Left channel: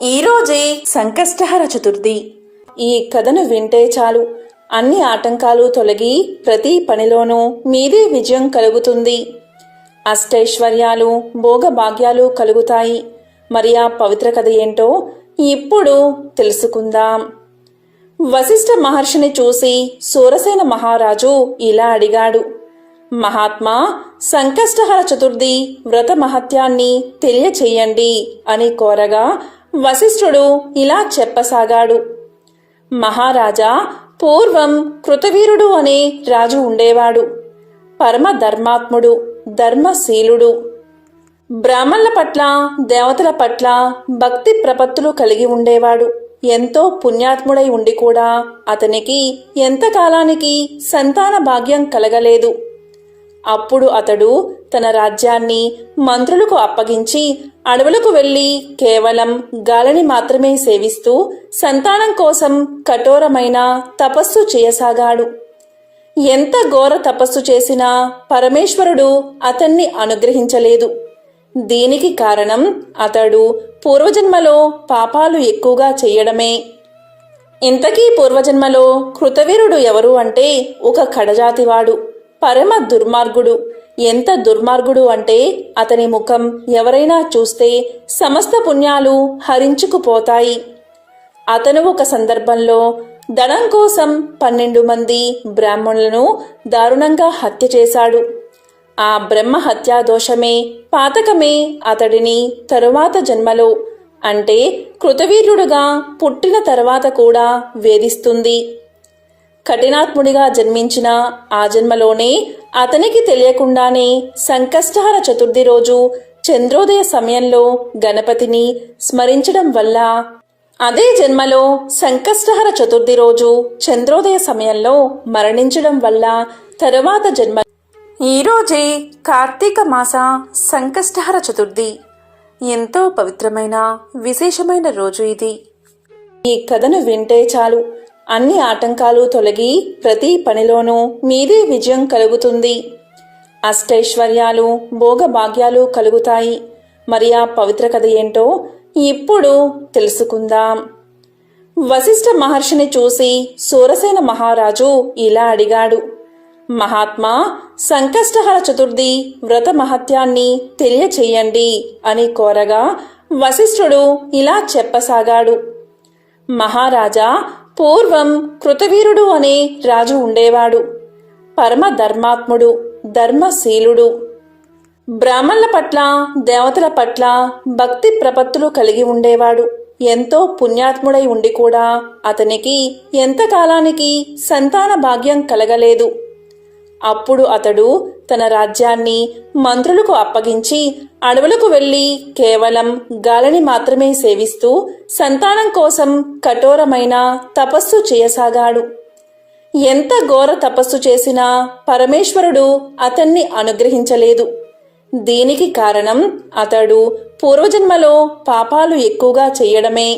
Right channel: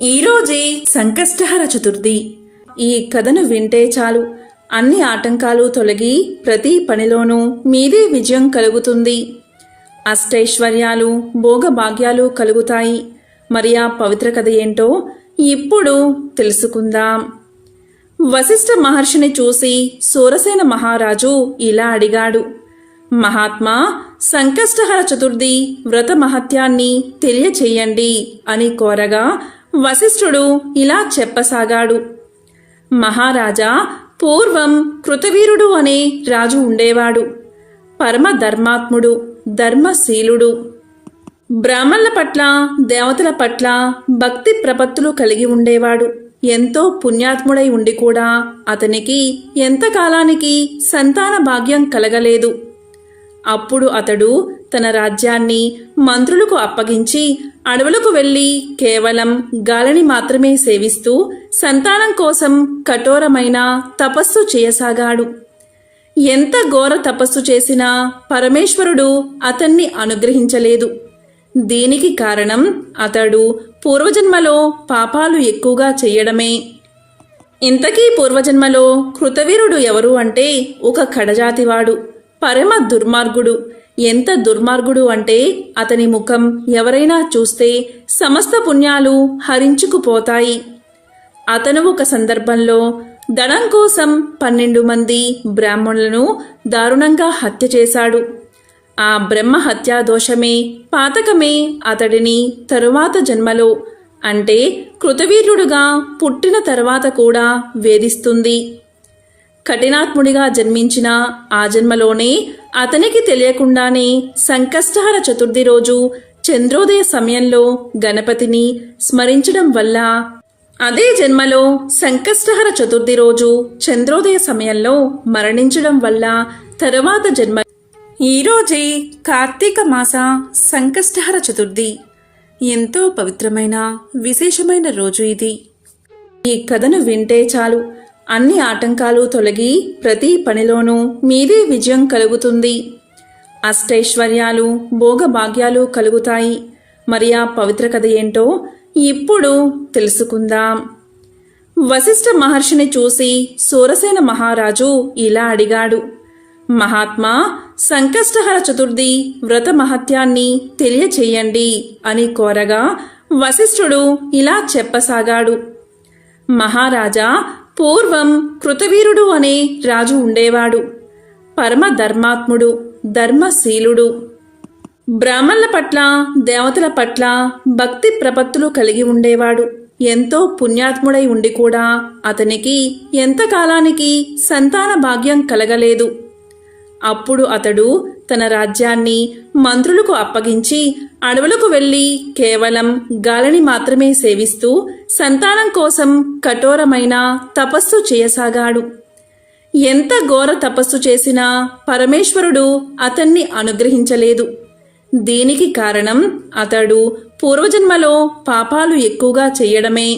ఈరోజే సంకష్టహర చతుర్థి. ఈ కథను వింటే చాలు అన్ని ఆటంకాలు తొలగి ప్రతి పనిలోనూ మీదే విజయం కలుగుతుంది. అష్టైశ్వర్యాలు భోగభాగ్యాలు కలుగుతాయి. మరి ఆ పవిత్ర కథ ఏంటో ఇప్పుడు తెలుసుకుందాం. వశిష్ఠ మహర్షిని చూసి సూరసేన మహారాజు ఇలా అడిగాడు. మహాత్మా, సంకష్టహర చతుర్థి వ్రత మహత్యాన్ని తెలియచేయండి అని కోరగా వశిష్ఠుడు ఇలా చెప్పసాగాడు. మహారాజా, పూర్వం కృతవీరుడు అనే రాజు ఉండేవాడు. పరమ ధర్మాత్ముడు, ధర్మశీలుడు. బ్రాహ్మణుల పట్ల దేవతల పట్ల భక్తి ప్రపత్తులు కలిగి ఉండేవాడు. ఎంతో పుణ్యాత్ముడై ఉండి కూడా అతనికి ఎంతకాలానికి సంతాన భాగ్యం కలగలేదు. అప్పుడు అతడు తన రాజ్యాన్ని మంత్రులకు అప్పగించి అడవులకు వెళ్లి కేవలం గాలిని మాత్రమే సేవిస్తూ సంతానం కోసం కఠోరమైన తపస్సు చేయసాగాడు. ఎంత ఘోర తపస్సు చేసినా పరమేశ్వరుడు అతన్ని అనుగ్రహించలేదు. దీనికి కారణం అతడు పూర్వజన్మలో పాపాలు ఎక్కువగా చెయ్యడమే. ఇంతకీ పూర్వజన్మలో కృతవీరుడు ఎవరు అంటే ఒక కడజాతివాడు, పరమ దుర్మార్గుడు. ఎంత దుర్మార్గుడు అంటే అతని ముఖం ఎవరైనా చూస్తే సమస్త పుణ్యాలు హరించుకుపోతాయి. అతను ఒక సందర్భంలో ధనం కోసం 12 మంది బ్రాహ్మణులను దారుణంగా హత్య చేశాడు. ఆ బ్రహ్మ హత్యా దోషమే, పాతకమే అతడిని తరువాత జన్మలో అంటే కృతవీర్యుడుగా పుట్టిన తర్వాత కూడా వేధిస్తుంది. కఠినాత్ముడిగా జన్మించిన ఆ జన్మలోనే అతనికి తెలియకుండానే సంకష్టహర చతుర్థి రోజు చంద్రోదయ సమయంలో గణపతిని స్మరించడం వల్ల, అదే జన్మలో సంకష్టహర చతుర్థి రోజు చంద్రోదయ సమయంలో మరణించడం వల్ల తరువాత జన్మ ఈరోజే కార్తీక మాస సంకష్టహర చతుర్థి. ఎంతో పవిత్రమైన విశేషమైన రోజు ఇది. ఈ కథను వింటే చాలు అన్ని ఆటంకాలు తొలగి ప్రతి పనిలోనూ మీదే విజయం కలుగుతుంది. అష్టైశ్వర్యాలు భోగభాగ్యాలు కలుగుతాయి. మరి ఆ పవిత్ర కథ ఏంటో ఇప్పుడు తెలుసుకుందాం. వశిష్ఠ మహర్షిని చూసి సూరసేన మహారాజు ఇలా అడిగాడు. మహాత్మా, సంకష్టహర చతుర్థి వ్రత మహత్యాన్ని తెలియచేయండి అని కోరగా వశిష్ఠుడు ఇలా చెప్పసాగాడు. మహారాజా, పూర్వం కృతవీరుడు అనే రాజు ఉండేవాడు. పరమ ధర్మాత్ముడు, ధర్మశీలుడు. బ్రాహ్మణుల పట్ల దేవతల పట్ల భక్తి ప్రపత్తులు కలిగి ఉండేవాడు. ఎంతో పుణ్యాత్ముడై ఉండి కూడా అతనికి ఎంతకాలానికి సంతాన భాగ్యం కలగలేదు. అప్పుడు అతడు తన రాజ్యాన్ని మంత్రులకు అప్పగించి అడవులకు వెళ్లి కేవలం గాలిని మాత్రమే సేవిస్తూ సంతానం కోసం కఠోరమైన తపస్సు చేయసాగాడు. ఎంత ఘోర తపస్సు చేసినా పరమేశ్వరుడు అతన్ని అనుగ్రహించలేదు. దీనికి కారణం అతడు పూర్వజన్మలో పాపాలు ఎక్కువగా చెయ్యడమే.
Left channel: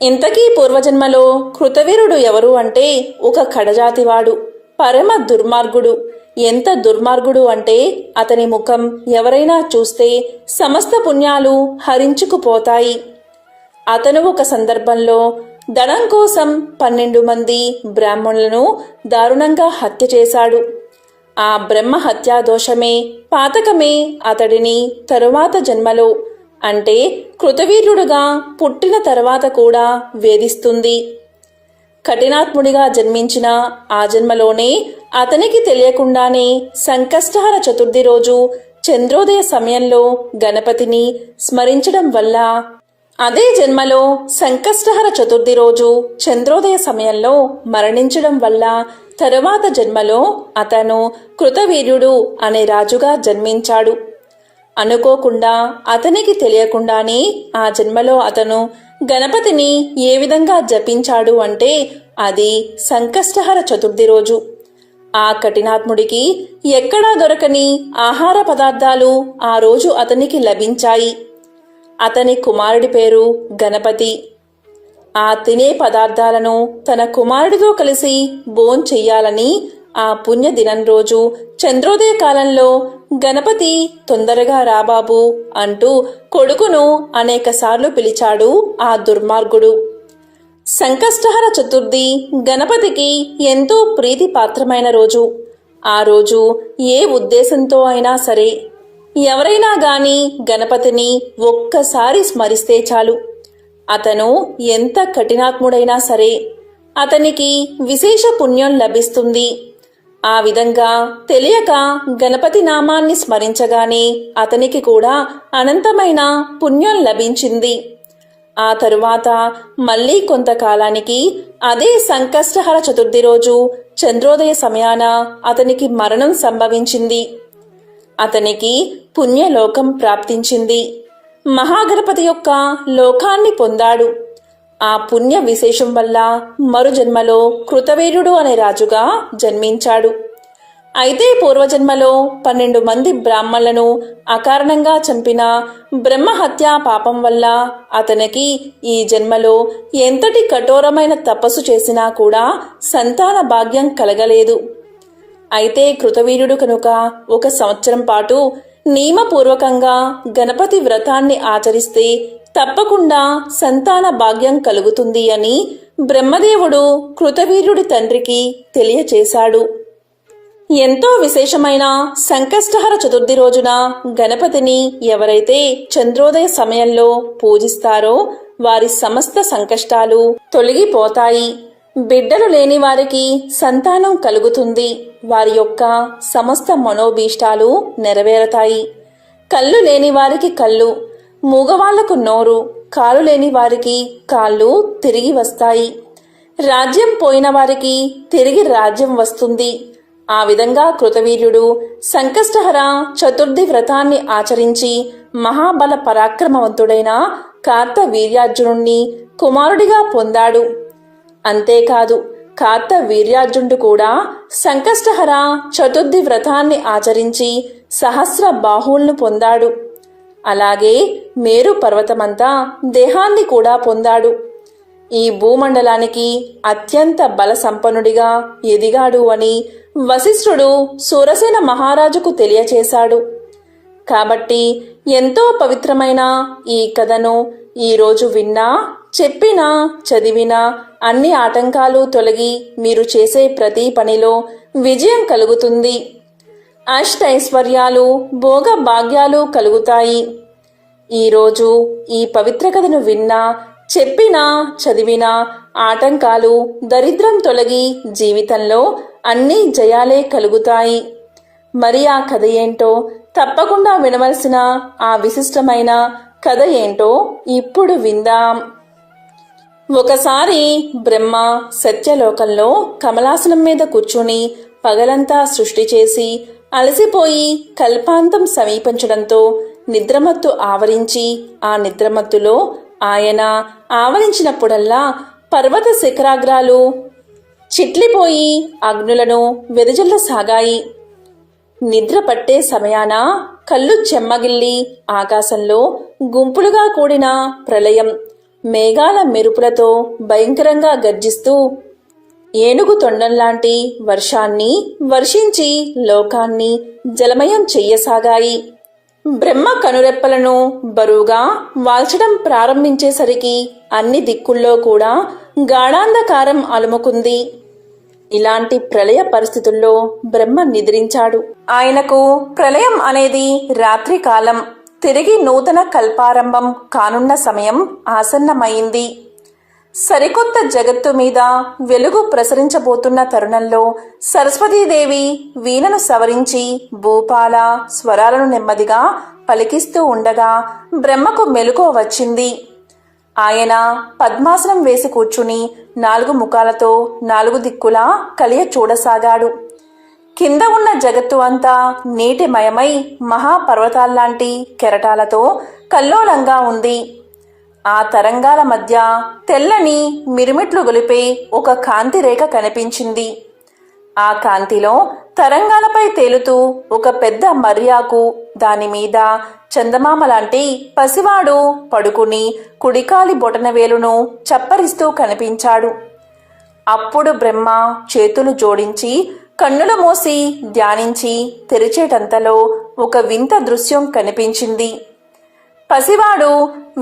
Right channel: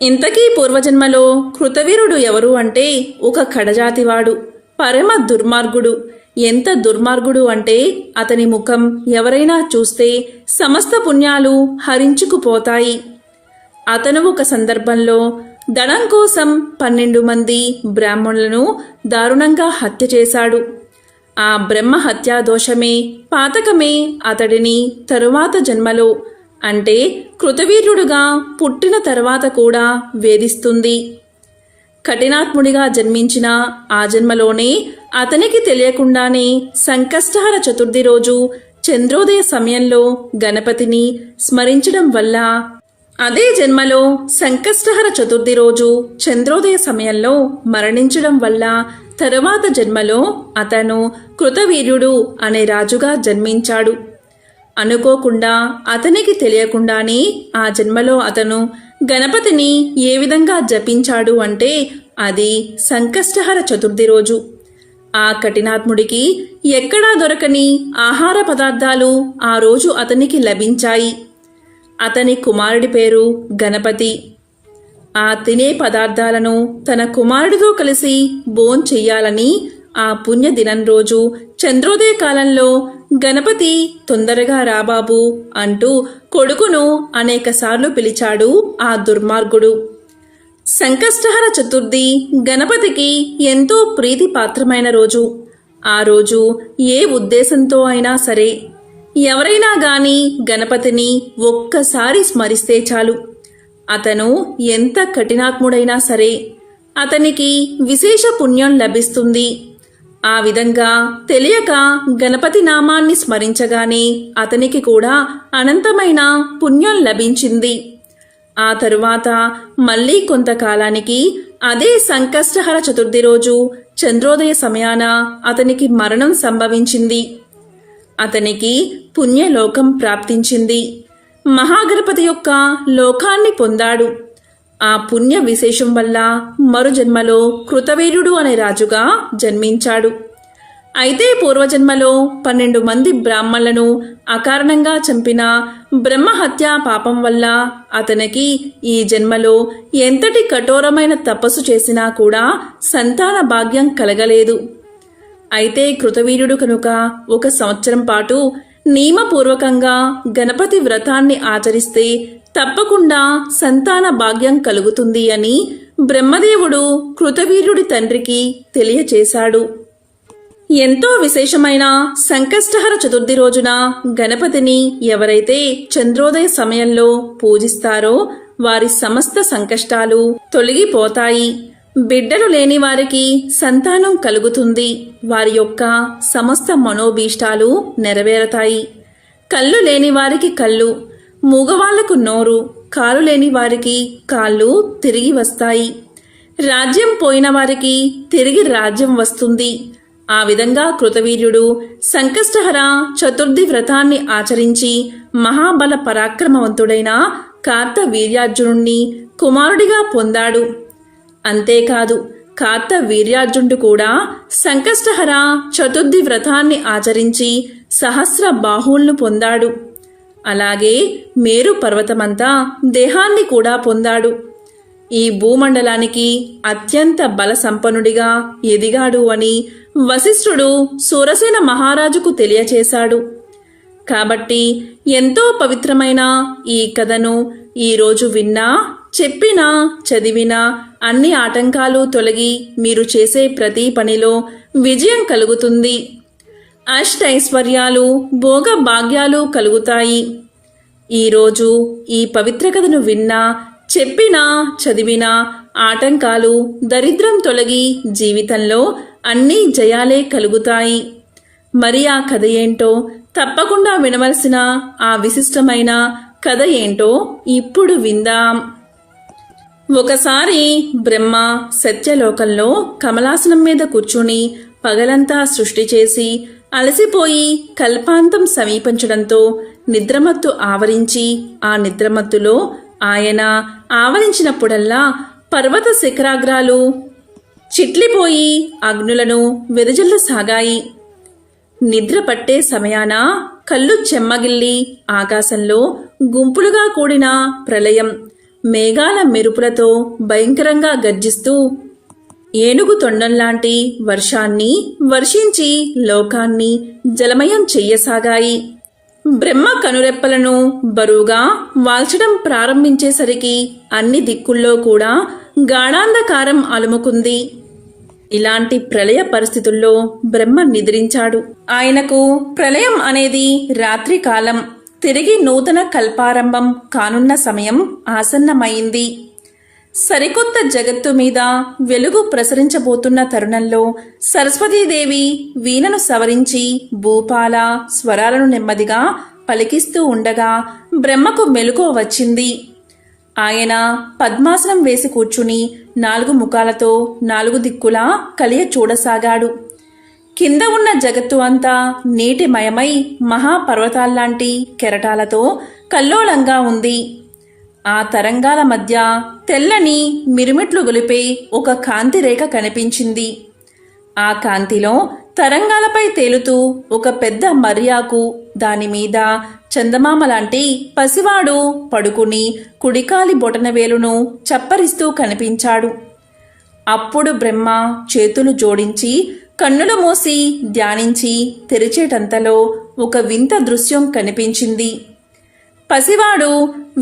ఇంతకీ పూర్వజన్మలో కృతవీరుడు ఎవరు అంటే ఒక కడజాతివాడు, పరమ దుర్మార్గుడు. ఎంత దుర్మార్గుడు అంటే అతని ముఖం ఎవరైనా చూస్తే సమస్త పుణ్యాలు హరించుకుపోతాయి. అతను ఒక సందర్భంలో ధనం కోసం 12 మంది బ్రాహ్మణులను దారుణంగా హత్య చేశాడు. ఆ బ్రహ్మ హత్యా దోషమే, పాతకమే అతడిని తరువాత జన్మలో అంటే కృతవీర్యుడుగా పుట్టిన తర్వాత కూడా వేధిస్తుంది. కఠినాత్ముడిగా జన్మించిన ఆ జన్మలోనే అతనికి తెలియకుండానే సంకష్టహర చతుర్థి రోజు చంద్రోదయ సమయంలో గణపతిని స్మరించడం వల్ల, అదే జన్మలో సంకష్టహర చతుర్థి రోజు చంద్రోదయ సమయంలో మరణించడం వల్ల తరువాత జన్మలో అతను కృతవీర్యుడు అనే రాజుగా జన్మించాడు. అనుకోకుండా అతనికి తెలియకుండానే ఆ జన్మలో అతను గణపతిని ఏ విధంగా జపించాడు అంటే అది సంకష్టహర చతుర్థి రోజు. ఆ కఠినాత్ముడికి ఎక్కడా దొరకని ఆహార పదార్థాలు ఆ రోజు అతనికి లభించాయి. అతని కుమారుడి పేరు గణపతి. ఆ తినే పదార్థాలను తన కుమారుడితో కలిసి భోంచెయ్యాలని ఆ పుణ్యదినం రోజు చంద్రోదయ కాలంలో గణపతి తొందరగా రాబాబు అంటూ కొడుకును అనేకసార్లు పిలిచాడు ఆ దుర్మార్గుడు. సంకష్టహర చతుర్థి గణపతికి ఎంతో ప్రీతిపాత్రమైన రోజు. ఆ రోజు ఏ ఉద్దేశంతో అయినా సరే ఎవరైనా గాని గణపతిని ఒక్కసారి స్మరిస్తే చాలు, అతను ఎంత కఠినాత్ముడైనా సరే అతనికి విశేష పుణ్యం లభిస్తుంది. ఆ విధంగా తెలియక గణపతి నామాన్ని స్మరించగానే అతనికి కూడా అనంతమైన పుణ్యం లభించింది. ఆ తరువాత మళ్లీ కొంతకాలానికి అదే సంకష్టహర చతుర్థి రోజు చంద్రోదయ సమయాన అతనికి మరణం సంభవించింది. అతనికి పుణ్యలోకం ప్రాప్తించింది. మహాగణపతి యొక్క లోకాన్ని పొందాడు. ఆ పుణ్య విశేషం వల్ల మరు జన్మలో కృతవీర్యుడు అనే రాజుగా జన్మించాడు. అయితే పూర్వజన్మలో 12 మంది బ్రాహ్మణులను అకారణంగా చంపిన బ్రహ్మహత్యా పాపం వల్ల అతనికి ఈ జన్మలో ఎంతటి కఠోరమైన తపస్సు చేసినా కూడా సంతాన భాగ్యం కలగలేదు. అయితే కృతవీర్యుడు కనుక 1 సంవత్సరం పాటు నియమపూర్వకంగా గణపతి వ్రతాన్ని ఆచరిస్తే తప్పకుండా సంతాన భాగ్యం కలుగుతుంది అని బ్రహ్మదేవుడు కృతవీర్యుడి తండ్రికి తెలియచేశాడు. ఎంతో విశేషమైన సంకష్టహర చతుర్థి రోజున గణపతిని ఎవరైతే చంద్రోదయ సమయంలో పూజిస్తారో వారి సమస్త సంకష్టాలు తొలగిపోతాయి. బిడ్డలు లేని వారికి సంతానం కలుగుతుంది. వారి యొక్క సమస్త మనోభీష్టాలు నెరవేరతాయి. కళ్ళు లేని వారికి కళ్ళు, మూగవాళ్లకు నోరు, కాలు లేని వారికి కాళ్ళు తిరిగి వస్తాయి. రాజ్యం పోయిన వారికి తిరిగి రాజ్యం వస్తుంది. ఆ విధంగా కృతవీర్యుడు సంకష్టహర చతుర్థి వ్రతాన్ని ఆచరించి మహాబల పరాక్రమవంతుడైన కార్తవీర్యార్జునుణ్ణి కుమారుడిగా పొందాడు. అంతేకాదు కార్తవీర్యార్జునుడు కూడా సంకష్టహర చతుర్థి వ్రతాన్ని ఆచరించి సహస్ర బాహువులను పొందాడు. అలాగే మేరు పర్వతమంతా దేహాన్ని కూడా పొందాడు. ఈ భూమండలానికి అత్యంత బల సంపన్నుడిగా ఎదిగాడు అని వశిష్ఠుడు సూరసేన మహారాజుకు తెలియచేశాడు. కాబట్టి ఎంతో పవిత్రమైన ఈ కథను ఈరోజు విన్నా, చెప్పినా, చదివినా అన్ని ఆటంకాలు తొలగి మీరు చేసే ప్రతి పనిలో విజయం కలుగుతుంది. అష్టైశ్వర్యాలు, భోగ భాగ్యాలు కలుగుతాయి. ఈరోజు ఈ పవిత్ర కథను విన్నా, చెప్పినా, చదివినా ఆటంకాలు, దరిద్రం తొలగి జీవితంలో అన్ని జయాలే కలుగుతాయి. మరి ఆ కథ ఏంటో, తప్పకుండా వినవలసిన ఆ విశిష్టమైన కథ ఏంటో ఇప్పుడు విందాం. ఒకసారి బ్రహ్మ సత్యలోకంలో కమలాసనం మీద కూర్చుని పగలంతా సృష్టి చేసి అలసిపోయి కల్పాంతం సమీపించడంతో నిద్రమత్తు ఆవరించి, ఆ నిద్రమత్తులో ఆయన ఆవరించినప్పుడల్లా పర్వత శిఖరాగ్రాలు చిట్లిపోయి అగ్నులను వెదజల్లసాగాయి. నిద్ర పట్టే సమయాన కళ్ళు చెమ్మగిల్లి ఆకాశంలో గుంపులుగా కూడిన ప్రళయం మేఘాల మెరుపులతో భయంకరంగా గర్జిస్తూ ఏనుగు తొండంలాంటి వర్షాన్ని వర్షించి లోకాన్ని జలమయం చెయ్యసాగాయి. బ్రహ్మ కనురెప్పలను బరువుగా వాల్చడం ప్రారంభించేసరికి అన్ని దిక్కుల్లో కూడా గాఢాంధకారం అలుముకుంది. ఇలాంటి ప్రళయ పరిస్థితుల్లో బ్రహ్మ నిద్రించాడు. ఆయనకు ప్రళయం అనేది రాత్రి కాలం, తిరిగి నూతన కల్పారంభం కానున్న సమయం ఆసన్నమైంది. సరికొత్త జగత్తు మీద వెలుగు ప్రసరించబోతున్న తరుణంలో సరస్వతీదేవి వీణను సవరించి భూపాల స్వరాలను నెమ్మదిగా పలికిస్తూ ఉండగా బ్రహ్మకు మెలకువ వచ్చింది. ఆయన పద్మాసనం వేసి కూర్చుని 4 ముఖాలతో 4 దిక్కులా కలియ చూడసాగాడు. కింద ఉన్న జగత్తు అంతా నీటిమయమై మహాపర్వతాల్లాంటి కెరటాలతో కల్లోలంగా ఉంది. ఆ తరంగాల మధ్య తెల్లని మిరుమిట్లు గొలిపే ఒక కాంతి రేఖ కనిపించింది. ఆ కాంతిలో తరంగాలపై తేలుతూ ఒక పెద్ద మర్యాకు, దానిమీద చందమామ లాంటి పసివాడు పడుకుని కుడికాలి బొటనవేలును చప్పరిస్తూ కనిపించాడు. అప్పుడు బ్రహ్మ చేతులు జోడించి కన్నులు మూసి ధ్యానించి తెరిచేటంతలో ఒక వింత దృశ్యం కనిపించింది. పసివాడు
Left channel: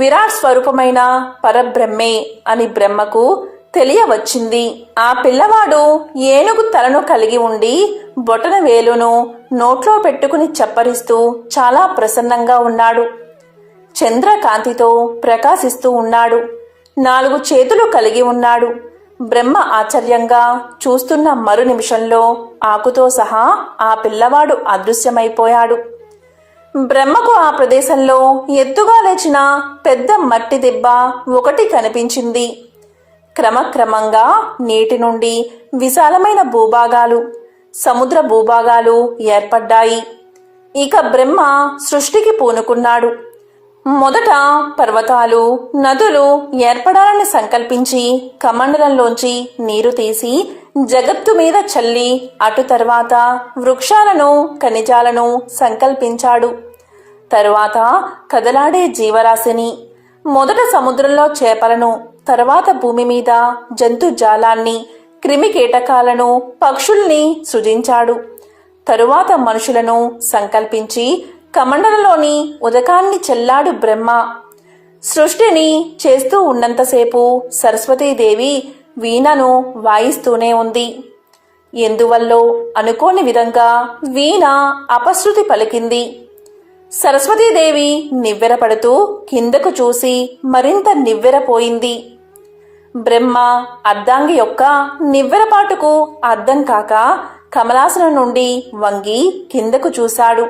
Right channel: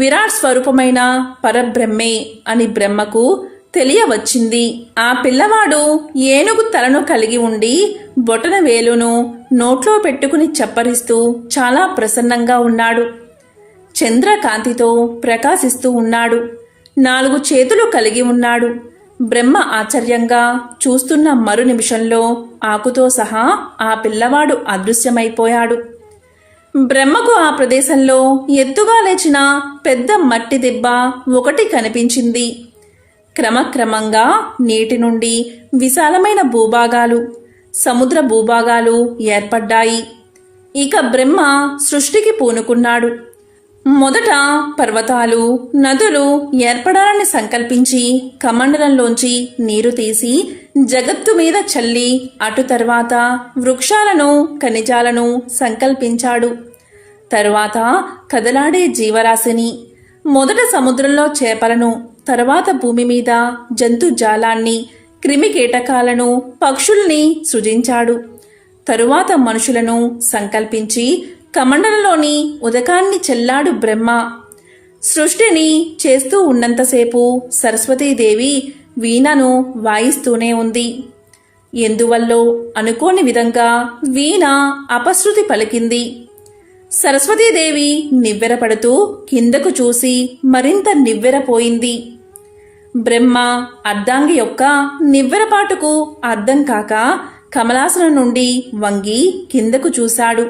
విరాట్ స్వరూపమైన పరబ్రహ్మే అని బ్రహ్మకు తెలియవచ్చింది. ఆ పిల్లవాడు ఏనుగు తలను కలిగి ఉండి బొటన వేలును నోట్లో పెట్టుకుని చప్పరిస్తూ చాలా ప్రసన్నంగా ఉన్నాడు. చంద్రకాంతితో ప్రకాశిస్తూ ఉన్నాడు. 4 చేతులు కలిగి ఉన్నాడు. బ్రహ్మ ఆశ్చర్యంగా చూస్తున్న మరు నిమిషంలో ఆకుతో సహా ఆ పిల్లవాడు అదృశ్యమైపోయాడు. బ్రహ్మకు ఆ ప్రదేశంలో ఎత్తుగా లేచిన పెద్ద మట్టి దిబ్బ ఒకటి కనిపించింది. క్రమక్రమంగా నీటి నుండి విశాలమైన భూభాగాలు, సముద్ర భూభాగాలు ఏర్పడ్డాయి. ఇక బ్రహ్మ సృష్టికి పూనుకున్నాడు. మొదట పర్వతాలు, నదులు ఏర్పడాలని సంకల్పించి కమండలంలోంచి నీరు తీసి జగత్తు మీద చల్లి అటు తర్వాత వృక్షాలను, ఖనిజాలను సంకల్పించాడు. తరువాత కదలాడే జీవరాశిని, మొదట సముద్రంలో చేపలను, తర్వాత భూమి మీద జంతుజాలాన్ని, క్రిమికీటకాలను, పక్షుల్ని సృజించాడు. తరువాత మనుషులను సంకల్పించి కమండలంలోని ఉదకాన్ని చెల్లాడు బ్రహ్మ. సృష్టిని చేస్తూ ఉన్నంతసేపు సరస్వతీదేవి వీణను వాయిస్తూనే ఉంది. ఎందువల్లో అనుకోని విధంగా వీణ అపశృతి పలికింది. సరస్వతీదేవి నివ్వెరపడుతూ కిందకు చూసి మరింత నివ్వెరపోయింది. బ్రహ్మ అర్ధాంగి యొక్క నివ్వెరపాటుకు అర్థం కాక కమలాసనం నుండి వంగి కిందకు చూశాడు.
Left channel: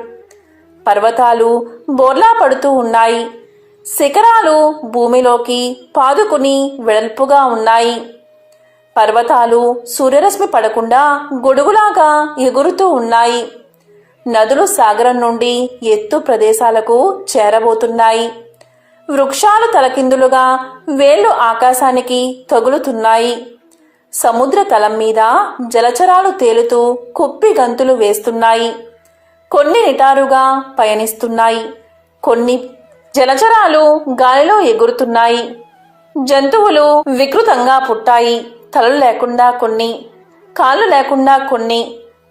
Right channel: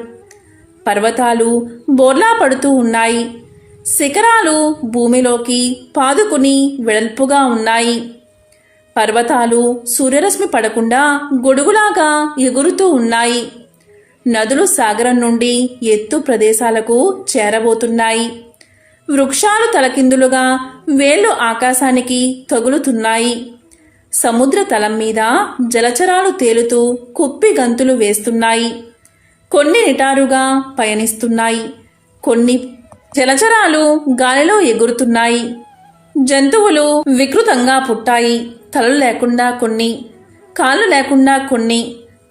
పర్వతాలు బోర్లా పడుతూ ఉన్నాయి. శిఖరాలు భూమిలోకి పాదుకుని వెడల్పుగా ఉన్నాయి. పర్వతాలు సూర్యరశ్మి పడకుండా గొడుగులాగా ఎగురుతూ ఉన్నాయి. నదులు సాగరం నుండి ఎత్తు ప్రదేశాలకు చేరబోతున్నాయి. వృక్షాలు తలకిందులుగా వేళ్లు ఆకాశానికి తగులుతున్నాయి. సముద్ర తలం మీద జలచరాలు తేలుతూ కుప్పి గంతులు వేస్తున్నాయి. కొన్ని నిటారుగా పయనిస్తున్నాయి. కొన్ని జలచరాలు గాలిలో ఎగురుతున్నాయి. జంతువులు వికృతంగా పుట్టాయి. తలలు లేకుండా కొన్ని, కాళ్ళు లేకుండా కొన్ని,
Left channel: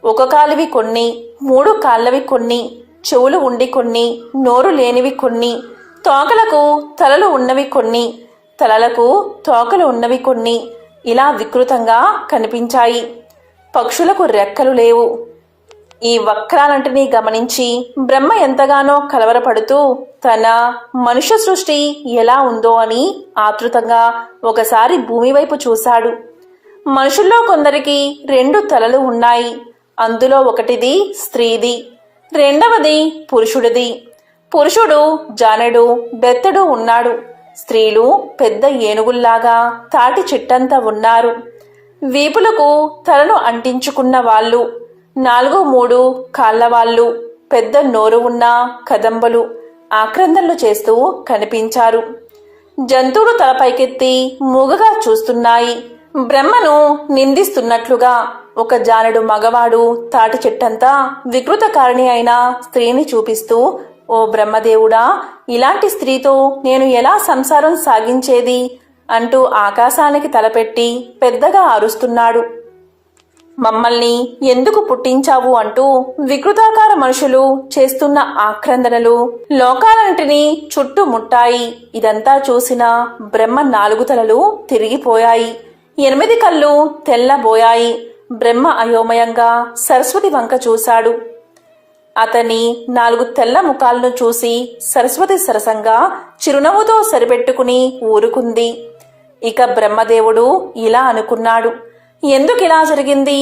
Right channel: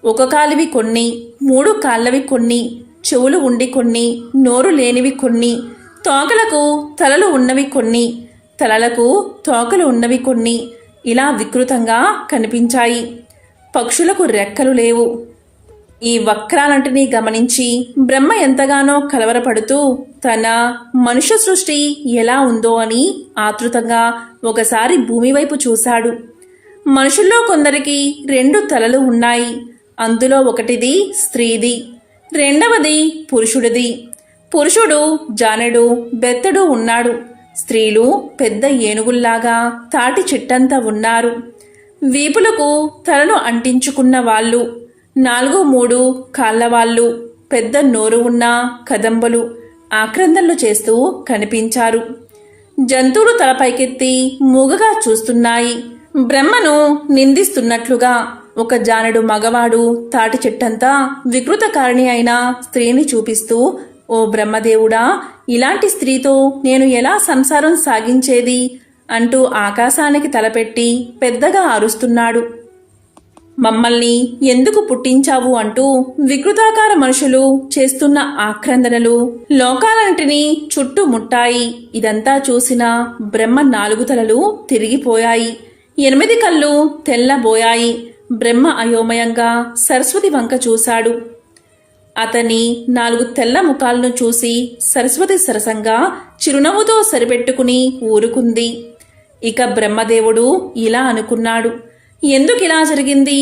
ఒక కాలివి కొన్ని, 3 కాళ్ళవి కొన్ని, చెవులు ఉండి కొన్ని, నోరు లేనివి కొన్ని, తోకలకు తలలు ఉన్నవి కొన్ని, తలలకు తోకలు ఉన్నవి కొన్ని, ఇలా వికృతంగా కనిపించాయి. పక్షులకు రెక్కలు లేవు. ఈ వక్రాలంటినీ గమనించి బ్రహ్మ ఎంతగానో కలవరపడుతూ తన మనుష్య సృష్టి ఎలా ఉందో అని ఆతృతంగా ఒకసారి భూమి వైపు చూశాడు. మనుషుల్లో కొందరికి 2 తలలు ఉన్నాయి. అందులో ఒకటిది స్త్రీది, రెండవది పురుషుడిది. పురుషుడు జానెడు బెత్తడు ఉన్నాడు. స్త్రీలు పెద్ద ఏనుగుల్లాగా తాటి చెట్టంతా ఉన్నారు. వీపులకు తలను అంటించుకున్న వాళ్ళు, 4-3 కాళ్లవాళ్ళు, పెద్ద నోరు ఉన్న కదంబలు ఆక్రందనలు చేస్తూ కనిపించారు. జంతువులు తలపైకెత్తి మూగగా చూస్తున్నాయి. బ్రహ్మను నిందిస్తున్నట్లుగా ఒక జానెడు మగవాడు తాటి చెట్టంతా వికృతకారిణి అయిన స్త్రీని చూపిస్తూ, ఓ బ్రహ్మదేవుడా, ఇలాంటి స్త్రీతో నేను ఎలా సంసారం సాగించేది అంటూ ఆకాశానికి తలపెట్టి పెద్దగా అరుస్తున్నాడు. మమ్మల్ని ఎందుకు పుట్టించావు అంటూ వికృతాకార మనుషులు చేస్తున్న ఆక్రందనలు లోకాలంటిని చుట్టుముట్టాయి. ఇదంతా చూసిన బ్రహ్మ 4 తలలు తిరిగిపోయాయి. 8 కళ్ళు తెల్లబోయాయి. బ్రహ్మ అయోమయంగా సరస్వతి వంక చూశాడు. అతని 4 తెల్ల ముఖాలను చూసి సరస్వతి సరసంగా చిరునవ్వుతో సరిపెట్టుకుని ఊరుకుంది. ఇక బ్రహ్మదేవుడు ఇలా అనుకున్నాడు, ఎందుకిలా జరిగింది?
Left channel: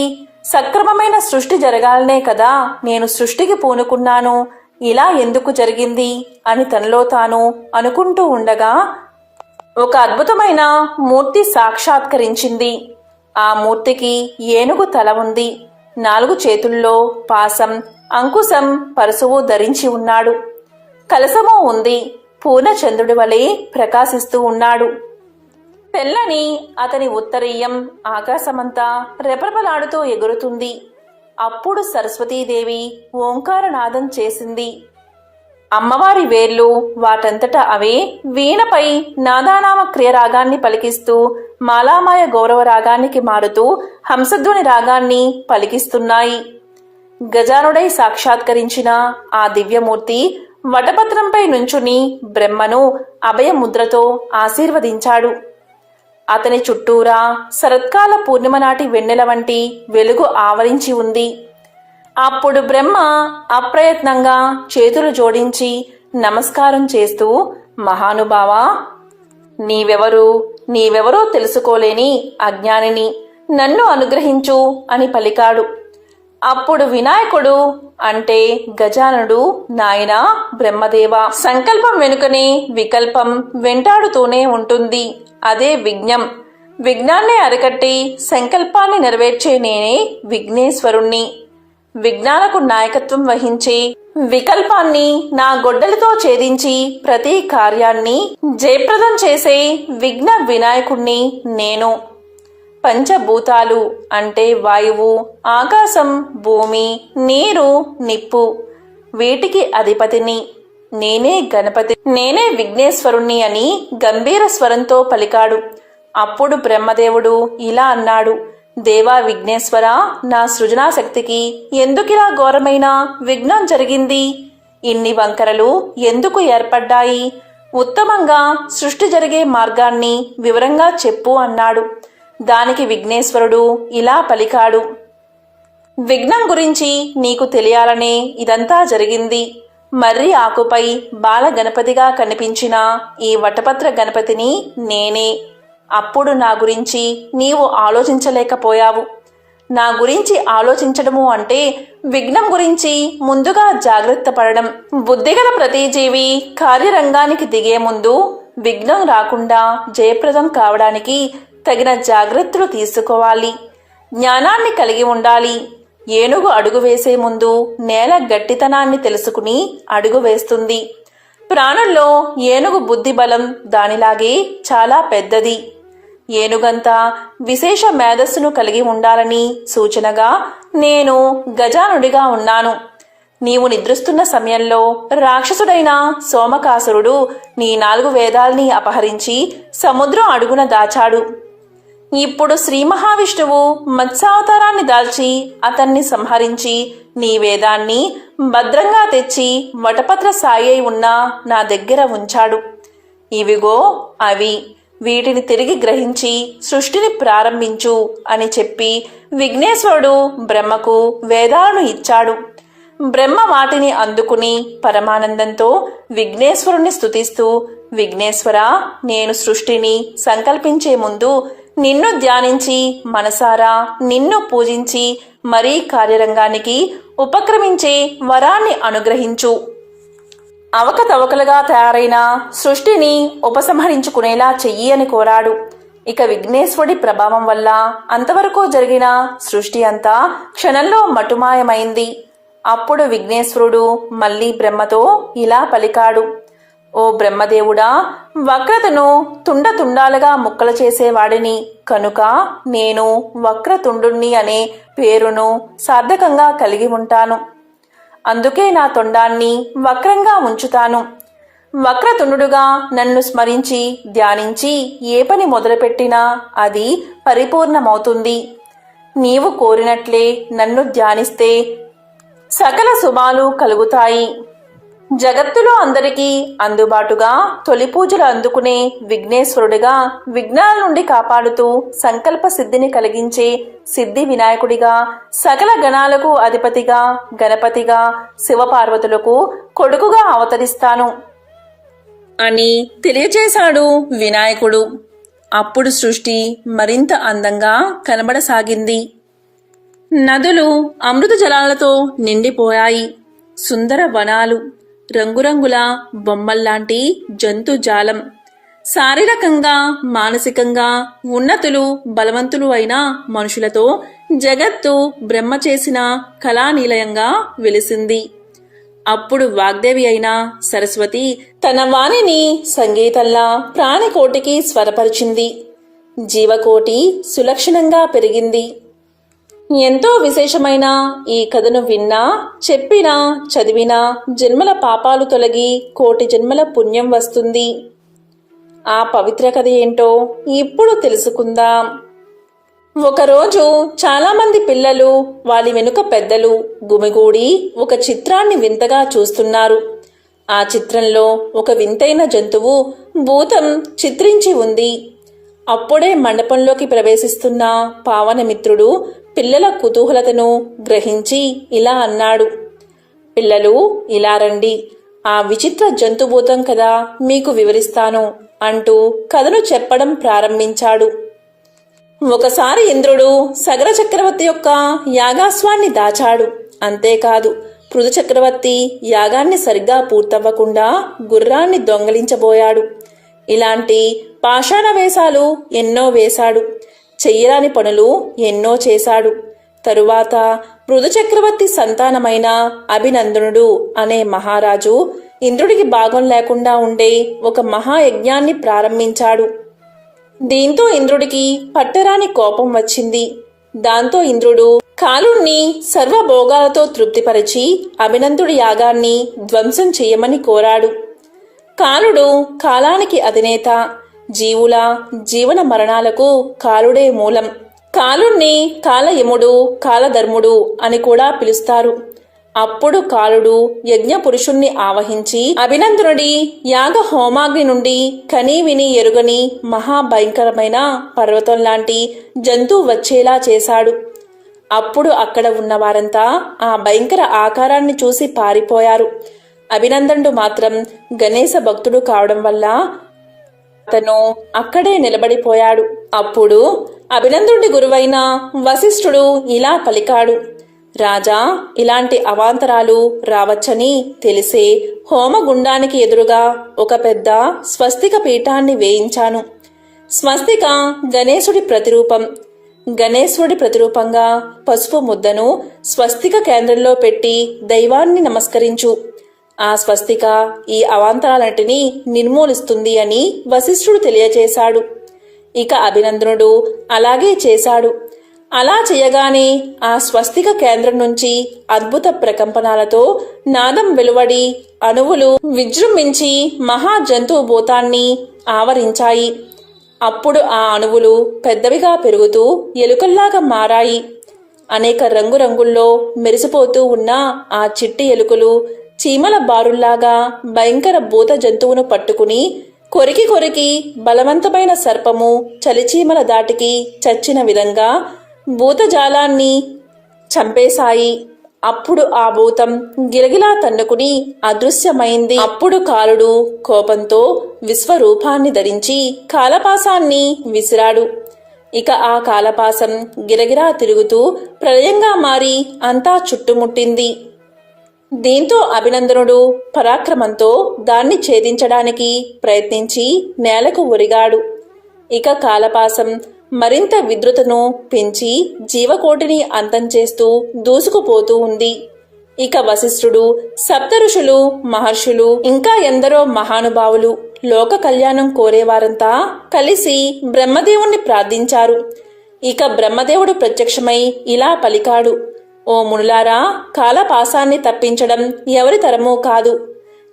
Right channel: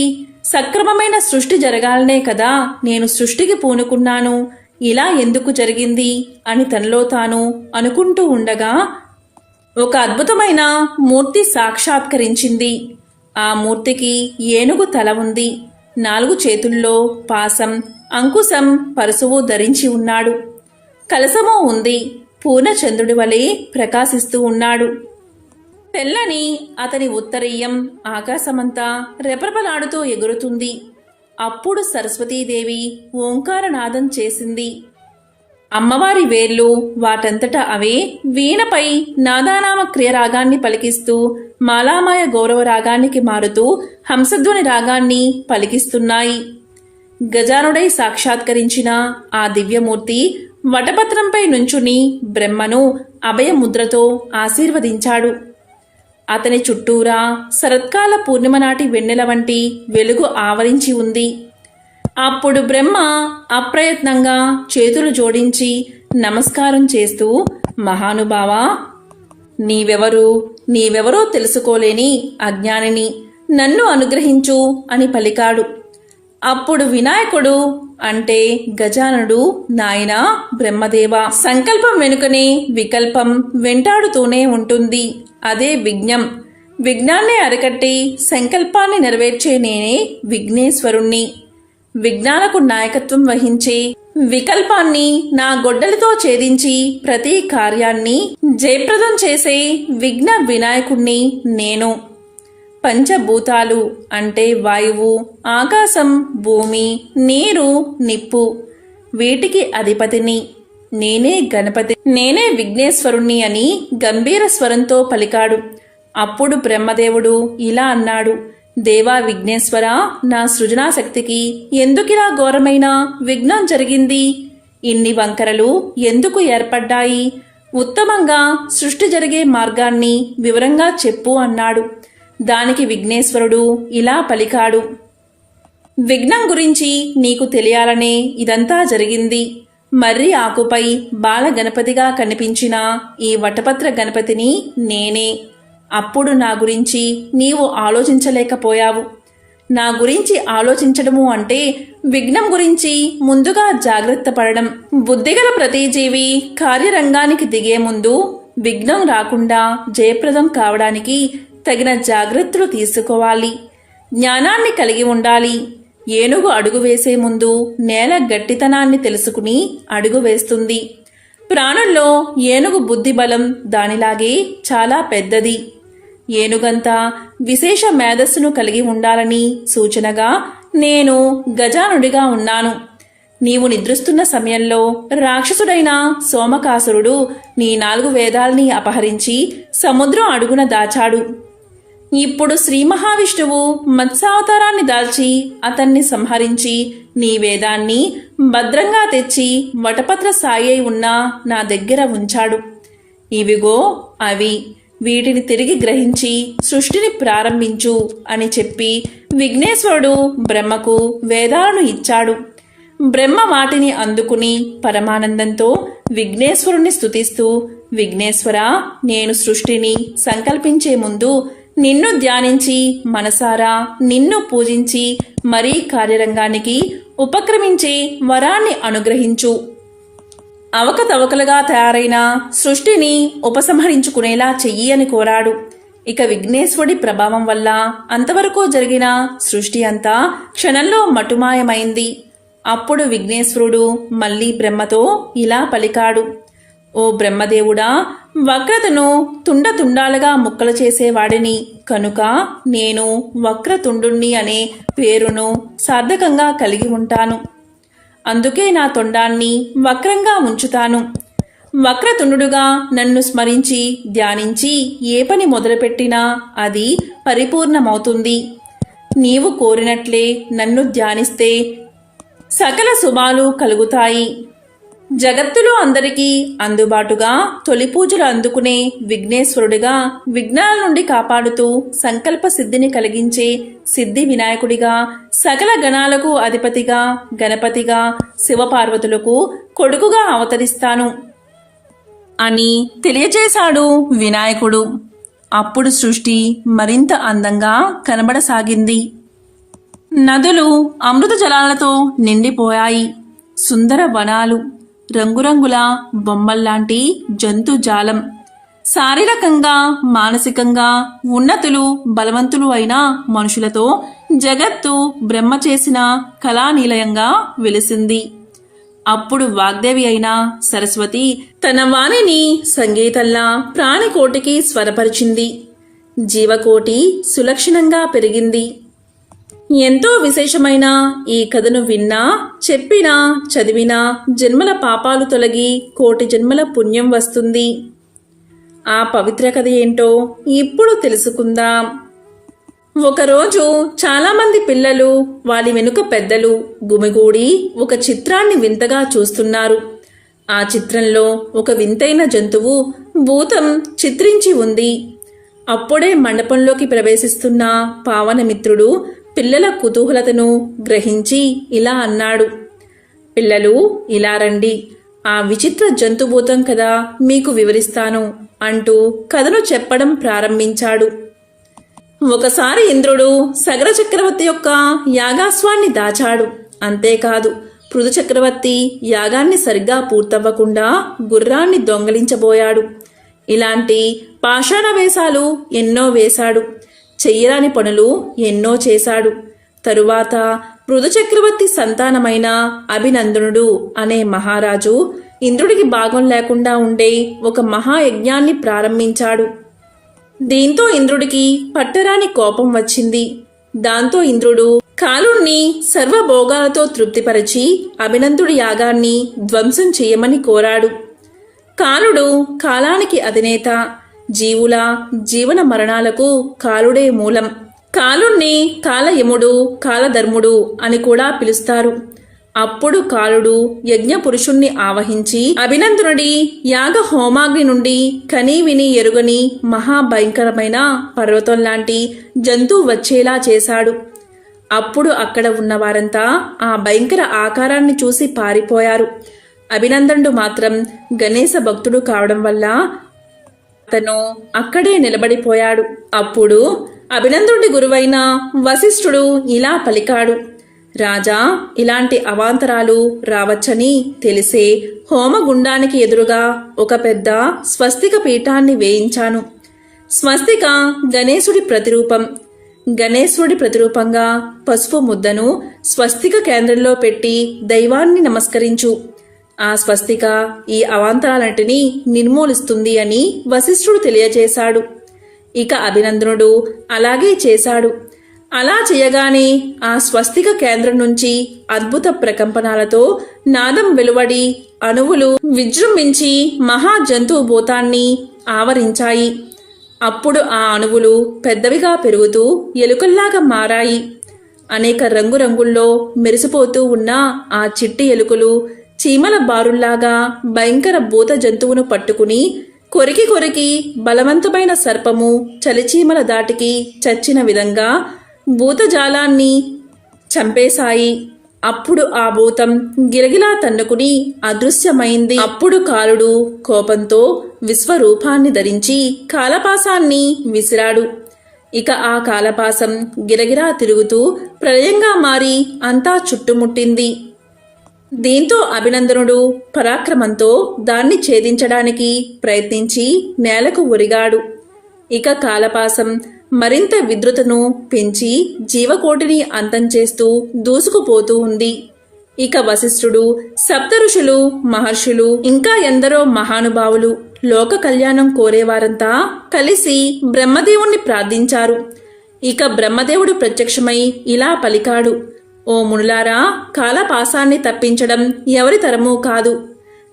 సక్రమమైన సృష్టి జరగాలనే కదా నేను సృష్టికి పూనుకున్నాను. ఇలా ఎందుకు జరిగింది అని తనలో తాను అనుకుంటూ ఉండగా ఒక అద్భుతమైన మూర్తి సాక్షాత్కరించింది. ఆ మూర్తికి ఏనుగు తల ఉంది. 4 చేతుల్లో పాసం, అంకుశం, పరశువు ధరించి ఉన్నాడు. కలశము ఉంది. పూర్ణచంద్రుడి వలె ప్రకాశిస్తూ ఉన్నాడు. తెల్లని అతని ఉత్తరీయం ఆకాశమంతా రెపరెపలాడుతూ ఎగురుతుంది. అప్పుడు సరస్వతీదేవి ఓంకారనాదం చేసింది. అమ్మవారి వేర్లు వాటంతట అవే వీణపై నాదానామ క్రియ రాగాన్ని పలికిస్తూ మాలామాయ గౌరవ రాగానికి మారుతూ హంసధ్వని రాగాన్ని పలికిస్తున్నాయి. గజానుడై సాక్షాత్కరించిన ఆ దివ్యమూర్తి వటపత్రంపై నుంచుని బ్రహ్మను అభయముద్రతో ఆశీర్వదించాడు. అతని చుట్టూరా శరత్కాల పూర్ణిమ నాటి వెన్నెల వంటి వెలుగు ఆవరించి ఉంది. అప్పుడు బ్రహ్మ అప్రయత్నంగా చేతులు జోడించి నమస్కారం చేస్తూ, మహానుభావా, నీవెవరో తెలుసుకోలేని అజ్ఞానిని, నన్ను అనుగ్రహించు అని పలికాడు. అప్పుడు వినాయకుడు అంటే గజాననుడు, నాయనా బ్రహ్మదేవ, సంకల్పం వెనుకనే వికల్పం వెంటాడుతూనే ఉంటుంది. అదే విఘ్నం. విఘ్నాన్ని అరికట్టి సంకల్పాన్ని నెరవేర్చే నేనే విఘ్నేశ్వరుణ్ణి. విఘ్నాలకు నాయకత్వం వహించే వికల్పాన్ని నా గొడ్డలితో ఛేదించి ప్రతి కార్యాన్ని జయప్రదం చేసే విఘ్న వినాయకుణ్ణి నేను. పంచభూతాలు అంటే వాయువు, ఆకాశం, భూమి, నీరు, నిప్పు, వీటికి అధిపతిని నేనే గణపతి, నేనే విఘ్నేశ్వరుణ్ణి అని గంభీర స్వరంతో పలికాడు. అప్పుడు బ్రహ్మదేవుడు ఇలా అన్నాడు, దేవా విఘ్నేశ్వర, నా సృజనాశక్తికి ఎందుకిలా ఘోరమైన విఘ్నం జరిగింది? ఇన్ని వంకరలు ఎందుకు ఏర్పడ్డాయి? ఉత్తమంగా సృష్టి జరిగే మార్గాన్ని వివరంగా చెప్పు అన్నాడు. దానికి విఘ్నేశ్వరుడు ఇలా పలికాడు, విఘ్నం గురించి నీకు తెలియాలనే ఇదంతా జరిగింది. మర్రి ఆకుపై బాల గణపతిగా కనిపించిన ఈ వటపత్ర గణపతిని నేనే. అప్పుడు నా గురించి నీవు ఆలోచించలేకపోయావు. నా గురించి ఆలోచించడము అంటే విఘ్నం గురించి ముందుగా జాగ్రత్త పడడం. బుద్ధిగల ప్రతి జీవి కార్యరంగానికి దిగే ముందు విఘ్నం రాకుండా జయప్రదం కావడానికి తగిన జాగ్రత్తలు తీసుకోవాలి. జ్ఞానాన్ని కలిగి ఉండాలి. ఏనుగు అడుగు వేసే ముందు నేల గట్టితనాన్ని తెలుసుకుని అడుగు వేస్తుంది. ప్రాణుల్లో ఏనుగు బుద్ధి బలం దానిలాగే చాలా పెద్దది. ఏనుగంతా విశేష మేధస్సును కలిగి ఉండాలని సూచనగా నేను గజానుడిగా ఉన్నాను. నీవు నిద్రిస్తున్న సమయంలో రాక్షసుడైన సోమకాసురుడు నీ 4 వేదాల్ని అపహరించి సముద్రం అడుగున దాచాడు. ఇప్పుడు శ్రీ మహావిష్ణువు మత్స్యావతారాన్ని దాల్చి అతన్ని సంహరించి నీ వేదాన్ని భద్రంగా తెచ్చి వటపత్ర సాయి అయి ఉన్న నా దగ్గర ఉంచాడు. ఇవిగో అవి, వీటిని తిరిగి గ్రహించి సృష్టిని ప్రారంభించు అని చెప్పి విఘ్నేశ్వరుడు బ్రహ్మకు వేదాలను ఇచ్చాడు. బ్రహ్మ వాటిని అందుకుని పరమానందంతో విఘ్నేశ్వరుణ్ణి స్తుతిస్తూ, విఘ్నేశ్వర, నేను సృష్టిని సంకల్పించే ముందు నిన్ను ధ్యానించి మనసారా నిన్ను పూజించి మరీ కార్యరంగానికి ఉపక్రమించే వరాన్ని అనుగ్రహించు. అవకతవకలుగా తయారైన సృష్టిని ఉపసంహరించుకునేలా చెయ్యి అని కోరాడు. ఇక విఘ్నేశ్వరుడి ప్రభావం వల్ల అంతవరకు జరిగిన సృష్టి అంతా క్షణంలో మటుమాయమైంది. అప్పుడు విఘ్నేశ్వరుడు మళ్లీ బ్రహ్మతో ఇలా పలికాడు, ఓ బ్రహ్మదేవుడా, వక్రతను తుండతుండాలుగా ముక్కలు చేసేవాడిని కనుక నేను వక్రతుండుణ్ణి అనే పేరును సార్థకంగా కలిగి ఉంటాను. అందుకే నా తొండాన్ని వక్రంగా ఉంచుతాను. వక్రతుండుడుగా నన్ను స్మరించి ధ్యానించి ఏ పని మొదలుపెట్టినా అది పరిపూర్ణమవుతుంది. నీవు కోరినట్లే నన్ను ధ్యానిస్తే సకల శుభాలు కలుగుతాయి. జగత్తులో అందరికీ అందుబాటుగా తొలి పూజలు అందుకునే విఘ్నేశ్వరుడిగా విఘ్నాల నుండి కాపాడుతూ సంకల్ప సిద్ధిని కలిగించే సిద్ధి వినాయకుడిగా సకల గణాలకు అధిపతిగా గణపతిగా శివపార్వతులకు కొడుకుగా అవతరిస్తాను అని తెలియజేశాడు వినాయకుడు. అప్పుడు సృష్టి మరింత అందంగా కనబడసాగింది. నదులు అమృత జలాలతో నిండిపోయాయి. సుందర వనాలు, రంగురంగుల బొమ్మల్లాంటి జంతుజాలం, శారీరకంగా మానసికంగా ఉన్నతులు బలవంతులు అయిన మనుషులతో జగత్తు బ్రహ్మ చేసిన కళానిలయంగా వెలిసింది. అప్పుడు వాగ్దేవి అయిన సరస్వతి తన వాణిని సంగీతంలా ప్రాణికోటికి స్వరపరిచింది. జీవకోటి సులక్షణంగా పెరిగింది. ఎంతో విశేషమైన ఈ కథను విన్నా, చెప్పినా, చదివినా జన్మల పాపాలు తొలగి కోటి జన్మల పుణ్యం వస్తుంది. ఆ పవిత్ర కథ ఏంటో ఇప్పుడు తెలుసుకుందాం. ఒకరోజు చాలామంది పిల్లలు, వాళ్ళ వెనుక పెద్దలు గుమిగూడి ఒక చిత్రాన్ని వింతగా చూస్తున్నారు. ఆ చిత్రంలో ఒక వింతైన జంతువు భూతం చిత్రించి ఉంది. అప్పుడే మండపంలోకి ప్రవేశిస్తున్న పావనమిత్రుడు పిల్లల కుతూహలతను గ్రహించి ఇలా అన్నాడు. పిల్లలు, ఇలా రండి, ఆ విచిత్ర జంతుభూతం కదా మీకు వివరిస్తాను అంటూ కథను చెప్పడం ప్రారంభించాడు. ఒకసారి ఇంద్రుడు సగర చక్రవర్తి యొక్క యాగాశ్వాన్ని దాచాడు. అంతేకాదు, పృథు చక్రవర్తి యాగాన్ని సరిగ్గా పూర్తవ్వకుండా గుర్రాన్ని దొంగలించబోయాడు. ఇలాంటి పాషాణ వేషాలు ఎన్నో వేశాడు. చెయ్యరాని పనులు ఎన్నో చేశాడు. తరువాత పృథు చక్రవర్తి సంతానమైన అభినందనుడు అనే మహారాజు ఇంద్రుడికి భాగం లేకుండా ఉండే ఒక మహాయజ్ఞాన్ని ప్రారంభించాడు. దీంతో ఇంద్రుడికి పట్టరాని కోపం వచ్చింది. దాంతో ఇంద్రుడు కాలుణ్ణి సర్వభోగాలతో తృప్తిపరిచి అభినందుడి యాగాన్ని ధ్వంసం చేయమని కోరాడు. కాలుడు కాలానికి అధినేత. జీవుల జీవన మరణాలకు కాలుడే మూలం. కాలుణ్ణి కాలయముడు, కాలధర్ముడు అని కూడా పిలుస్తారు. అప్పుడు కాలుడు యజ్ఞపురుషుణ్ణి ఆవహించి అభినందనుడి యాగ హోమాగ్ని నుండి కనీ విని ఎరుగని మహాభయంకరమైన పర్వతం లాంటి జంతువు వచ్చేలా చేశాడు. అప్పుడు అక్కడ ఉన్నవారంతా ఆ భయంకర ఆకారాన్ని చూసి పారిపోయారు. అభినందనుడు మాత్రం గణేశ భక్తుడు కావడం వల్ల అతను అక్కడే నిలబడిపోయాడు. అప్పుడు అభినందనుడి గురువైన వశిష్ఠుడు ఇలా పలికాడు. రాజా, ఇలాంటి అవాంతరాలు రావచ్చని తెలిసే హోమగుండానికి ఎదురుగా ఒక పెద్ద స్వస్తిక పీఠాన్ని వేయించాను. స్వస్తిక గణేశుడి ప్రతిరూపం. గణేశుడి ప్రతిరూపంగా పసుపు ముద్దను స్వస్తిక కేంద్రంలో పెట్టి దైవాన్ని నమస్కరించు. ఆ స్వస్తిక ఈ అవాంతరాలన్నిటినీ నిర్మూలిస్తుంది అని వశిష్ఠుడు తెలియజేశాడు. ఇక అభినందనుడు అలాగే చేశాడు. అలా చేయగానే ఆ స్వస్తిక కేంద్రం నుంచి అద్భుత ప్రకంపనాలతో నాదం వెలువడి అణువులు విజృంభించి మహాజంతువు భూతాన్ని ఆవరించాయి. అప్పుడు ఆ అణువులు పెద్దవిగా పెరుగుతూ ఎలుకల్లాగా మారాయి. అనేక రంగురంగుల్లో మెరిసిపోతూ ఉన్న ఆ చిట్టి ఎలుకలు చీమల బారుల్లాగా భయంకర భూత జంతువును పట్టుకుని కొరికి కొరికి బలవంతమైన సర్పము చలిచీమల దాటికి చచ్చిన విధంగా భూతజాలాన్ని చంపేశాయి. అప్పుడు ఆ భూతం గిలగిలా తన్నుకుని అదృశ్యమైంది. అప్పుడు కాలుడు కోపంతో విశ్వరూపాన్ని ధరించి కాలపాసాన్ని విసిరాడు. ఇక ఆ కాలపాసం గిలగిలా తిరుగుతూ ప్రళయంగా మారి అంతా చుట్టుముట్టింది. దీంతో అభినందనుడు పరాక్రమంతో దాన్ని ఛేదించడానికి ప్రయత్నించి నేలకు ఒరిగాడు. ఇక కాలపాసం మరింత విద్రుతను పెంచి జీవకోటిని అంతం చేస్తూ దూసుకుపోతూ ఉంది. ఇక వశిష్ఠుడు, సప్తఋషులు, మహర్షులు ఇంకా ఎందరో మహానుభావులు, లోక కళ్యాణం కోరేవారంతా కలిసి బ్రహ్మదేవుణ్ణి ప్రార్థించారు. ఇక బ్రహ్మదేవుడు ప్రత్యక్షమై ఇలా పలికాడు. ఓ మునులారా, కాలపాసాన్ని తప్పించడం ఎవరి తరమూ కాదు.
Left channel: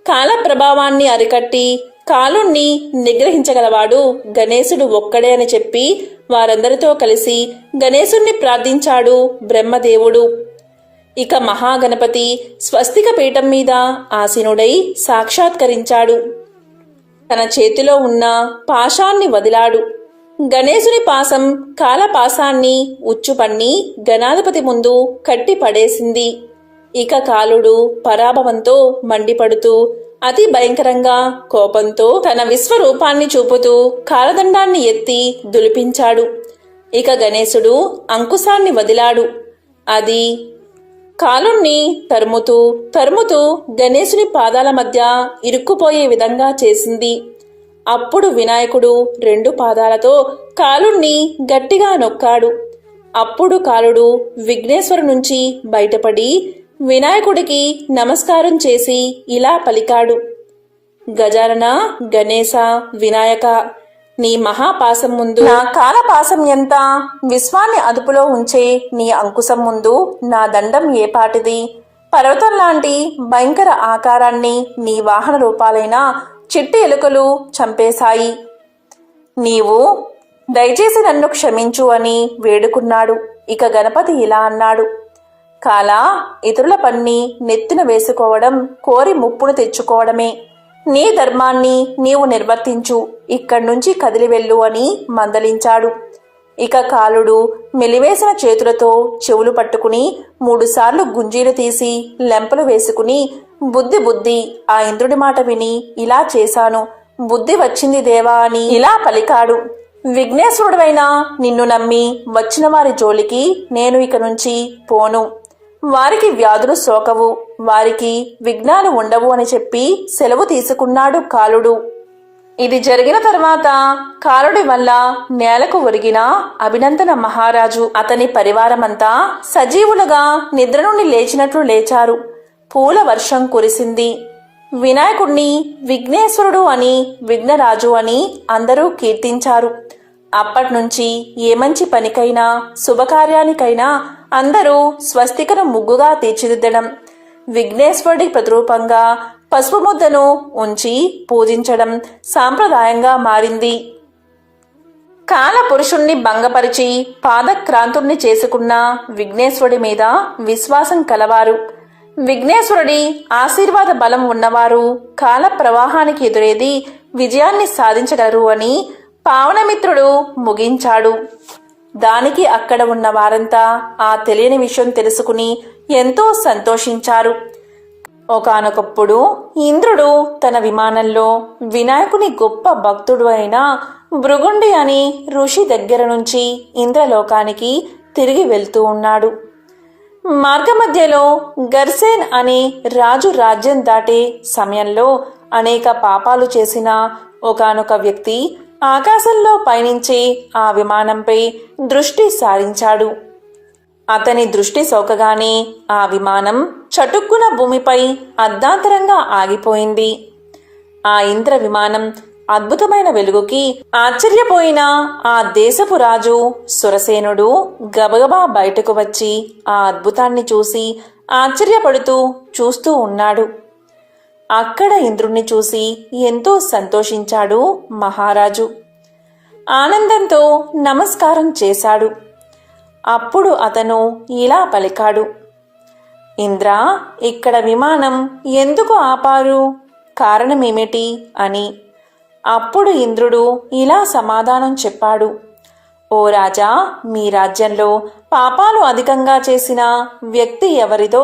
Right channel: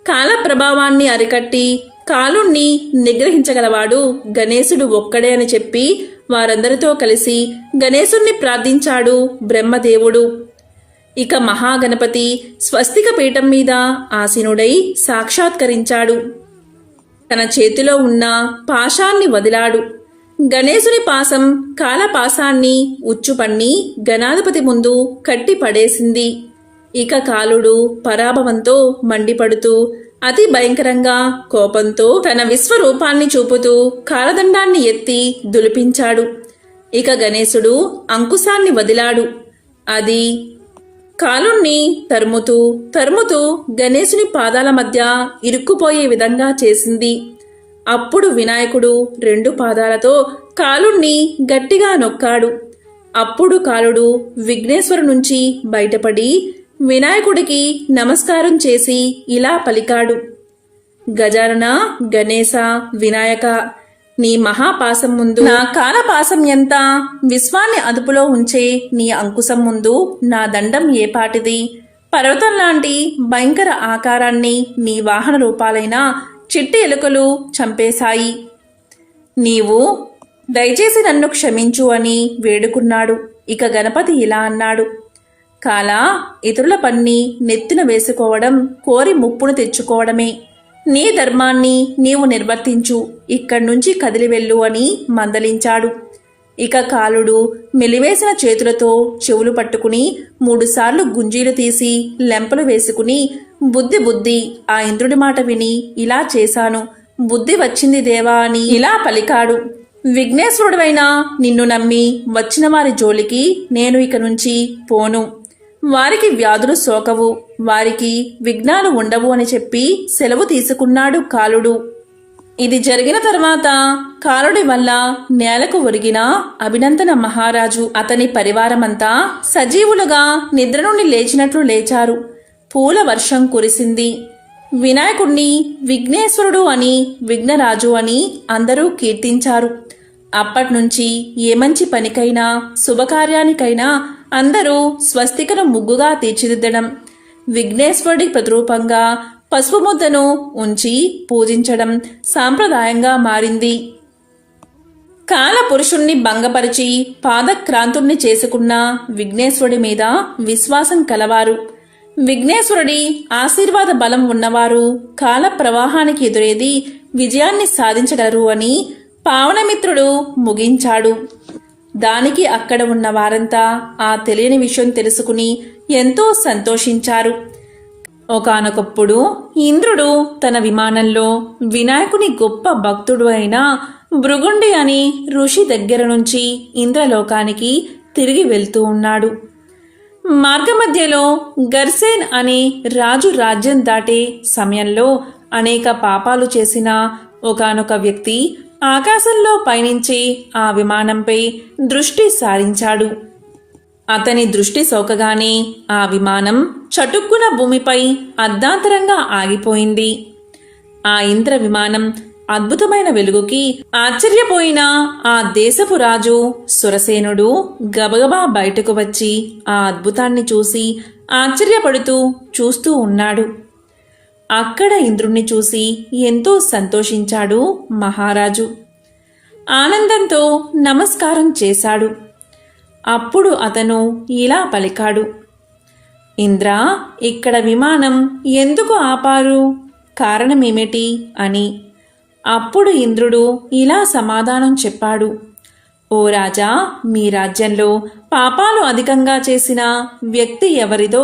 కాల ప్రభావాన్ని అరికట్టి కాలుణ్ణి నిగ్రహించగలవాడు గణేశుడు ఒక్కడే అని చెప్పి వారందరితో కలిసి గణేశుణ్ణి ప్రార్థించాడు బ్రహ్మదేవుడు. ఇక మహాగణపతి స్వస్తిక పీఠం మీద ఆసీనుడై సాక్షాత్కరించాడు. తన చేతిలో ఉన్న పాశాన్ని వదిలాడు. గణేశుని పాసం కాలపాసాన్ని ఉచ్చుపన్ని గణాధిపతి ముందు కట్టి పడేసింది. ఇక కాలుడు పరాభవంతో మండిపడుతూ అతి భయంకరంగా కోపంతో తన విశ్వరూపాన్ని చూపుతూ కాలదండాన్ని ఎత్తి దులిపించాడు. ఇక గణేశుడు అంకుశాన్ని వదిలాడు. అది కాలుణ్ణి తరుముతూ తరుముతూ గణేశుని పాదాల మధ్య ఇరుక్కుపోయే విధంగా చేసింది. అప్పుడు వినాయకుడు 2 పాదాలతో కాలుణ్ణి గట్టిగా నొక్కాడు. అప్పుడు కాలుడు విఘ్నేశ్వరు నుంచి బయటపడి వినాయకుడికి నమస్కారం చేసి ఇలా పలికాడు. గజానన, గణేశ, వినాయక, నీ మహాపాసం ముందు నా కాలపాసం ఎంత? విశ్వాన్ని అదుపులో ఉంచే నీ అంకుశం ముందు నా దండం ఏపాటిది? పర్వతం లాంటి భయంకర ఆకారాన్ని నీ వాహన రూపాలైన చిట్టి ఎలుకలు చంపేశాయి. నీవు దయచేసి నన్ను క్షమించు అని వేడుకున్నాడు. ఇక గణపతి ఇలా అన్నాడు, కాలా, ఇతరుల పన్ని నెత్తిన వేసుకోవడం కోరి ముప్పును తెచ్చుకోవడమే. నీ ధర్మాన్ని నీవు నిర్వర్తించు, ఇక్కడ్నుంచి కదిలి వెళ్ళు అని మందలించాడు. ఇక కాలుడు మెలివేసిన చేతులతో చెవులు పట్టుకుని 3 సార్లు గుంజీలు తీసి లెంపలు వేసుకుని బుద్ధి ఆ ఇంద్రుడి మాట విని ఇలా చేశాను, బుద్ధి వచ్చింది దేవా అని ఇలా పలికాడు. విఘ్నేశ్వరుడివైనా నిన్ను నమ్మి వచ్చిన వారి జోలికి నేను ఇక నుంచి పోను. వారికి వ్యాధులు సోకవు, వారికి విఘ్నాలు ఉండవు అని చెప్పి సెలవు తీసుకున్నాడు కాలుడు. ఇది జరిగిన తర్వాత కాలుడి వల్ల నేలకు ఒరిగిన అభినందన మహారాజు అతని పరివారమంతా సజీవులుగా నిద్ర నుండి లేచినట్లు లేచారు. పూల వర్షం కురిసింది. వినాయకుణ్ణి విఘ్నేశ్వరుడు అని, విఘ్నరాజు అని అందరూ కీర్తించారు. అప్పట్నుంచి ఏ మంచి పనికైనా శుభకార్యానికైనా అందరూ స్వస్తికను ముగ్గుగా తీర్చిదిద్దడం, విఘ్నేశ్వరుడి ప్రతిరూపంగా పసుపు ముద్దను ఉంచి పూజించడం సాంప్రదాయంగా మారింది. కాలపురుషుణ్ణి భంగపరిచి పాదక్రాంతుణ్ణి చేసుకున్న విఘ్నేశ్వరుడి మీద విశ్వాసం కలవారు, విఘ్నేశ్వరుడి ఆశీర్వాద బలం ఉన్నవారు కాల ప్రవాహానికి ఎదురేది విజయాన్ని సాధించగలరు అని పావనమిత్రుడు ముగించాడు. దానికి అక్కడ ఉన్న వారంతా ఆ తెలియని విషయం తెలుసుకుని ఎంతో సంతోషించారు. ఒకానొకప్పుడు ఇంద్రుడు తన విమానంలో వినాయకుని గొప్ప భక్తుడు అయిన భృగుండి అని ఋషి దగ్గర నుంచి ఇంద్రలోకానికి తిరిగి వెళ్తూ ఉన్నాడు. మార్గమధ్యలో గర్సేన్ అనే రాజు రాజ్యం దాటే సమయంలో అనేక పాపాలు చేసిన ఒకానొక వ్యక్తి ఆకాశంలో పయనించే ఆ విమానంపై దృష్టి సారించాడు. అతని దృష్టి సోకగానే ఆ విమానం చటుక్కున భూమిపై అర్ధాంతరంగా ఆగిపోయింది. ఆ ఇంద్ర విమానం అద్భుతమైన వెలుగుకి ఆశ్చర్యపోయిన ఆ దేశపు రాజు సురసేనుడు గబగబా బయటకు వచ్చి ఆ అద్భుతాన్ని చూసి ఆశ్చర్యపడుతూ చూస్తూ ఉన్నాడు. అక్కడ ఇంద్రుణ్ణి చూసి ఎంతో సంతోషించాడు మహారాజు. ఆనందంతో నమస్కారం చేశాడు. అప్పుడు అతను ఇలా పలికాడు, ఇంద్ర, ఇక్కడ విమానం ఎందుకు ఆపారు? కారణమేమిటి అని. అప్పుడు ఇంద్రుడు ఇలా సమాధానం చెప్పాడు, ఓ రాజా, మీ రాజ్యంలో పాపాలు అధికంగా చేసిన వ్యక్తి ఎవరిదో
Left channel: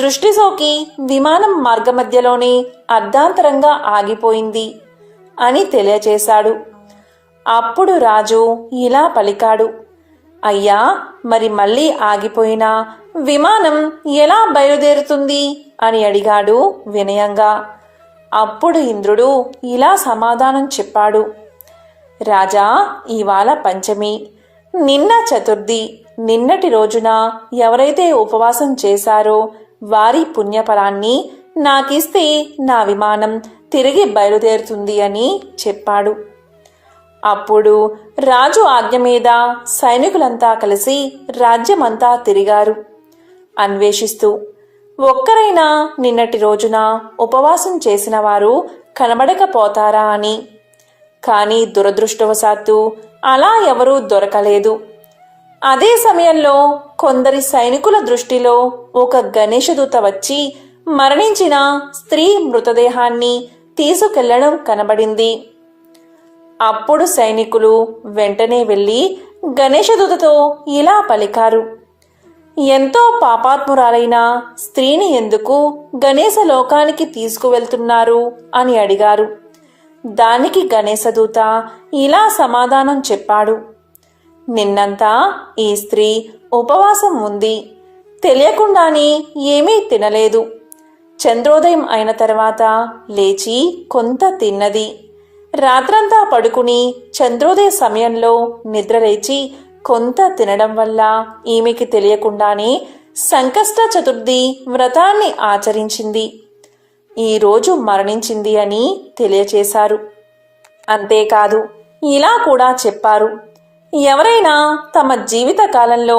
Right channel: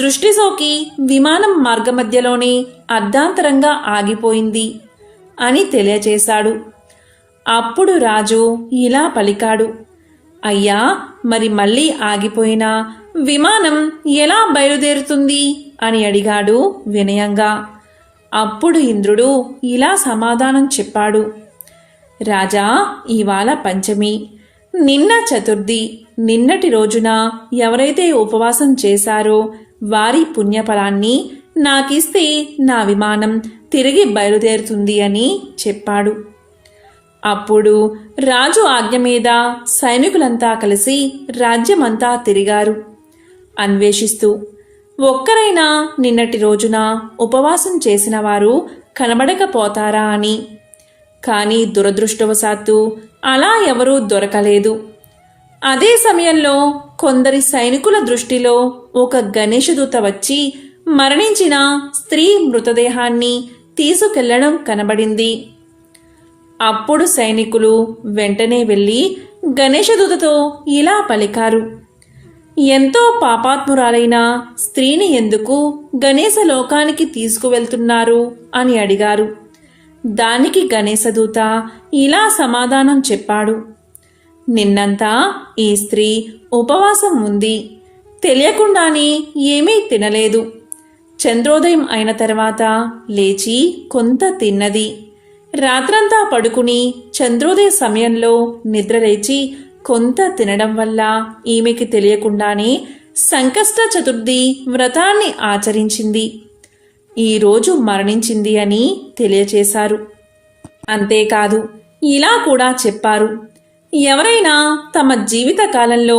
దృష్టి సోకి విమానం మార్గమధ్యలోనే అర్ధాంతరంగా ఆగిపోయింది అని తెలియచేశాడు. అప్పుడు రాజు ఇలా పలికాడు, అయ్యా, మరి మళ్ళీ ఆగిపోయిన విమానం ఎలా బయలుదేరుతుంది అని అడిగాడు వినయంగా. అప్పుడు ఇంద్రుడు ఇలా సమాధానం చెప్పాడు, రాజా, ఇవాళ పంచమి, నిన్న చతుర్థి. నిన్నటి రోజున ఎవరైతే ఉపవాసం చేశారో వారి పుణ్యఫలాన్ని నాకిస్తే నా విమానం తిరిగి బయలుదేరుతుంది అని చెప్పాడు. అప్పుడు రాజు ఆజ్ఞ మీద సైనికులంతా కలిసి రాజ్యమంతా తిరిగారు, అన్వేషిస్తూ ఒక్కరైనా నిన్నటి రోజున ఉపవాసం చేసిన వారు కనబడకపోతారా అని. కానీ దురదృష్టవశాత్తు అలా ఎవరూ దొరకలేదు. అదే సమయంలో కొందరి సైనికుల దృష్టిలో ఒక గణేశదూత వచ్చి మరణించిన స్త్రీ మృతదేహాన్ని తీసుకెళ్లడం కనబడింది. అప్పుడు సైనికులు వెంటనే వెళ్లి గణేశదూతతో ఇలా పలికారు, ఎంతో పాపాత్మురాలైన స్త్రీని ఎందుకు గణేశ లోకానికి తీసుకువెళ్తున్నారు అని అడిగారు. దానికి గణేశదూత ఇలా సమాధానం చెప్పాడు, నిన్నంతా ఈ స్త్రీ ఉపవాసం ఉంది, తెలియకుండానే ఏమీ తినలేదు. చంద్రోదయం అయిన తర్వాత లేచి కొంత తిన్నది. రాత్రంతా పడుకుని చంద్రోదయ సమయంలో నిద్రలేచి కొంత తినడం వల్ల ఈమెకి తెలియకుండానే సంకష్ట చతుర్థి వ్రతాన్ని ఆచరించింది. ఈరోజు మరణించింది అని తెలియచేశారు. అంతేకాదు, ఇలా కూడా చెప్పారు. ఎవరైనా తమ జీవిత కాలంలో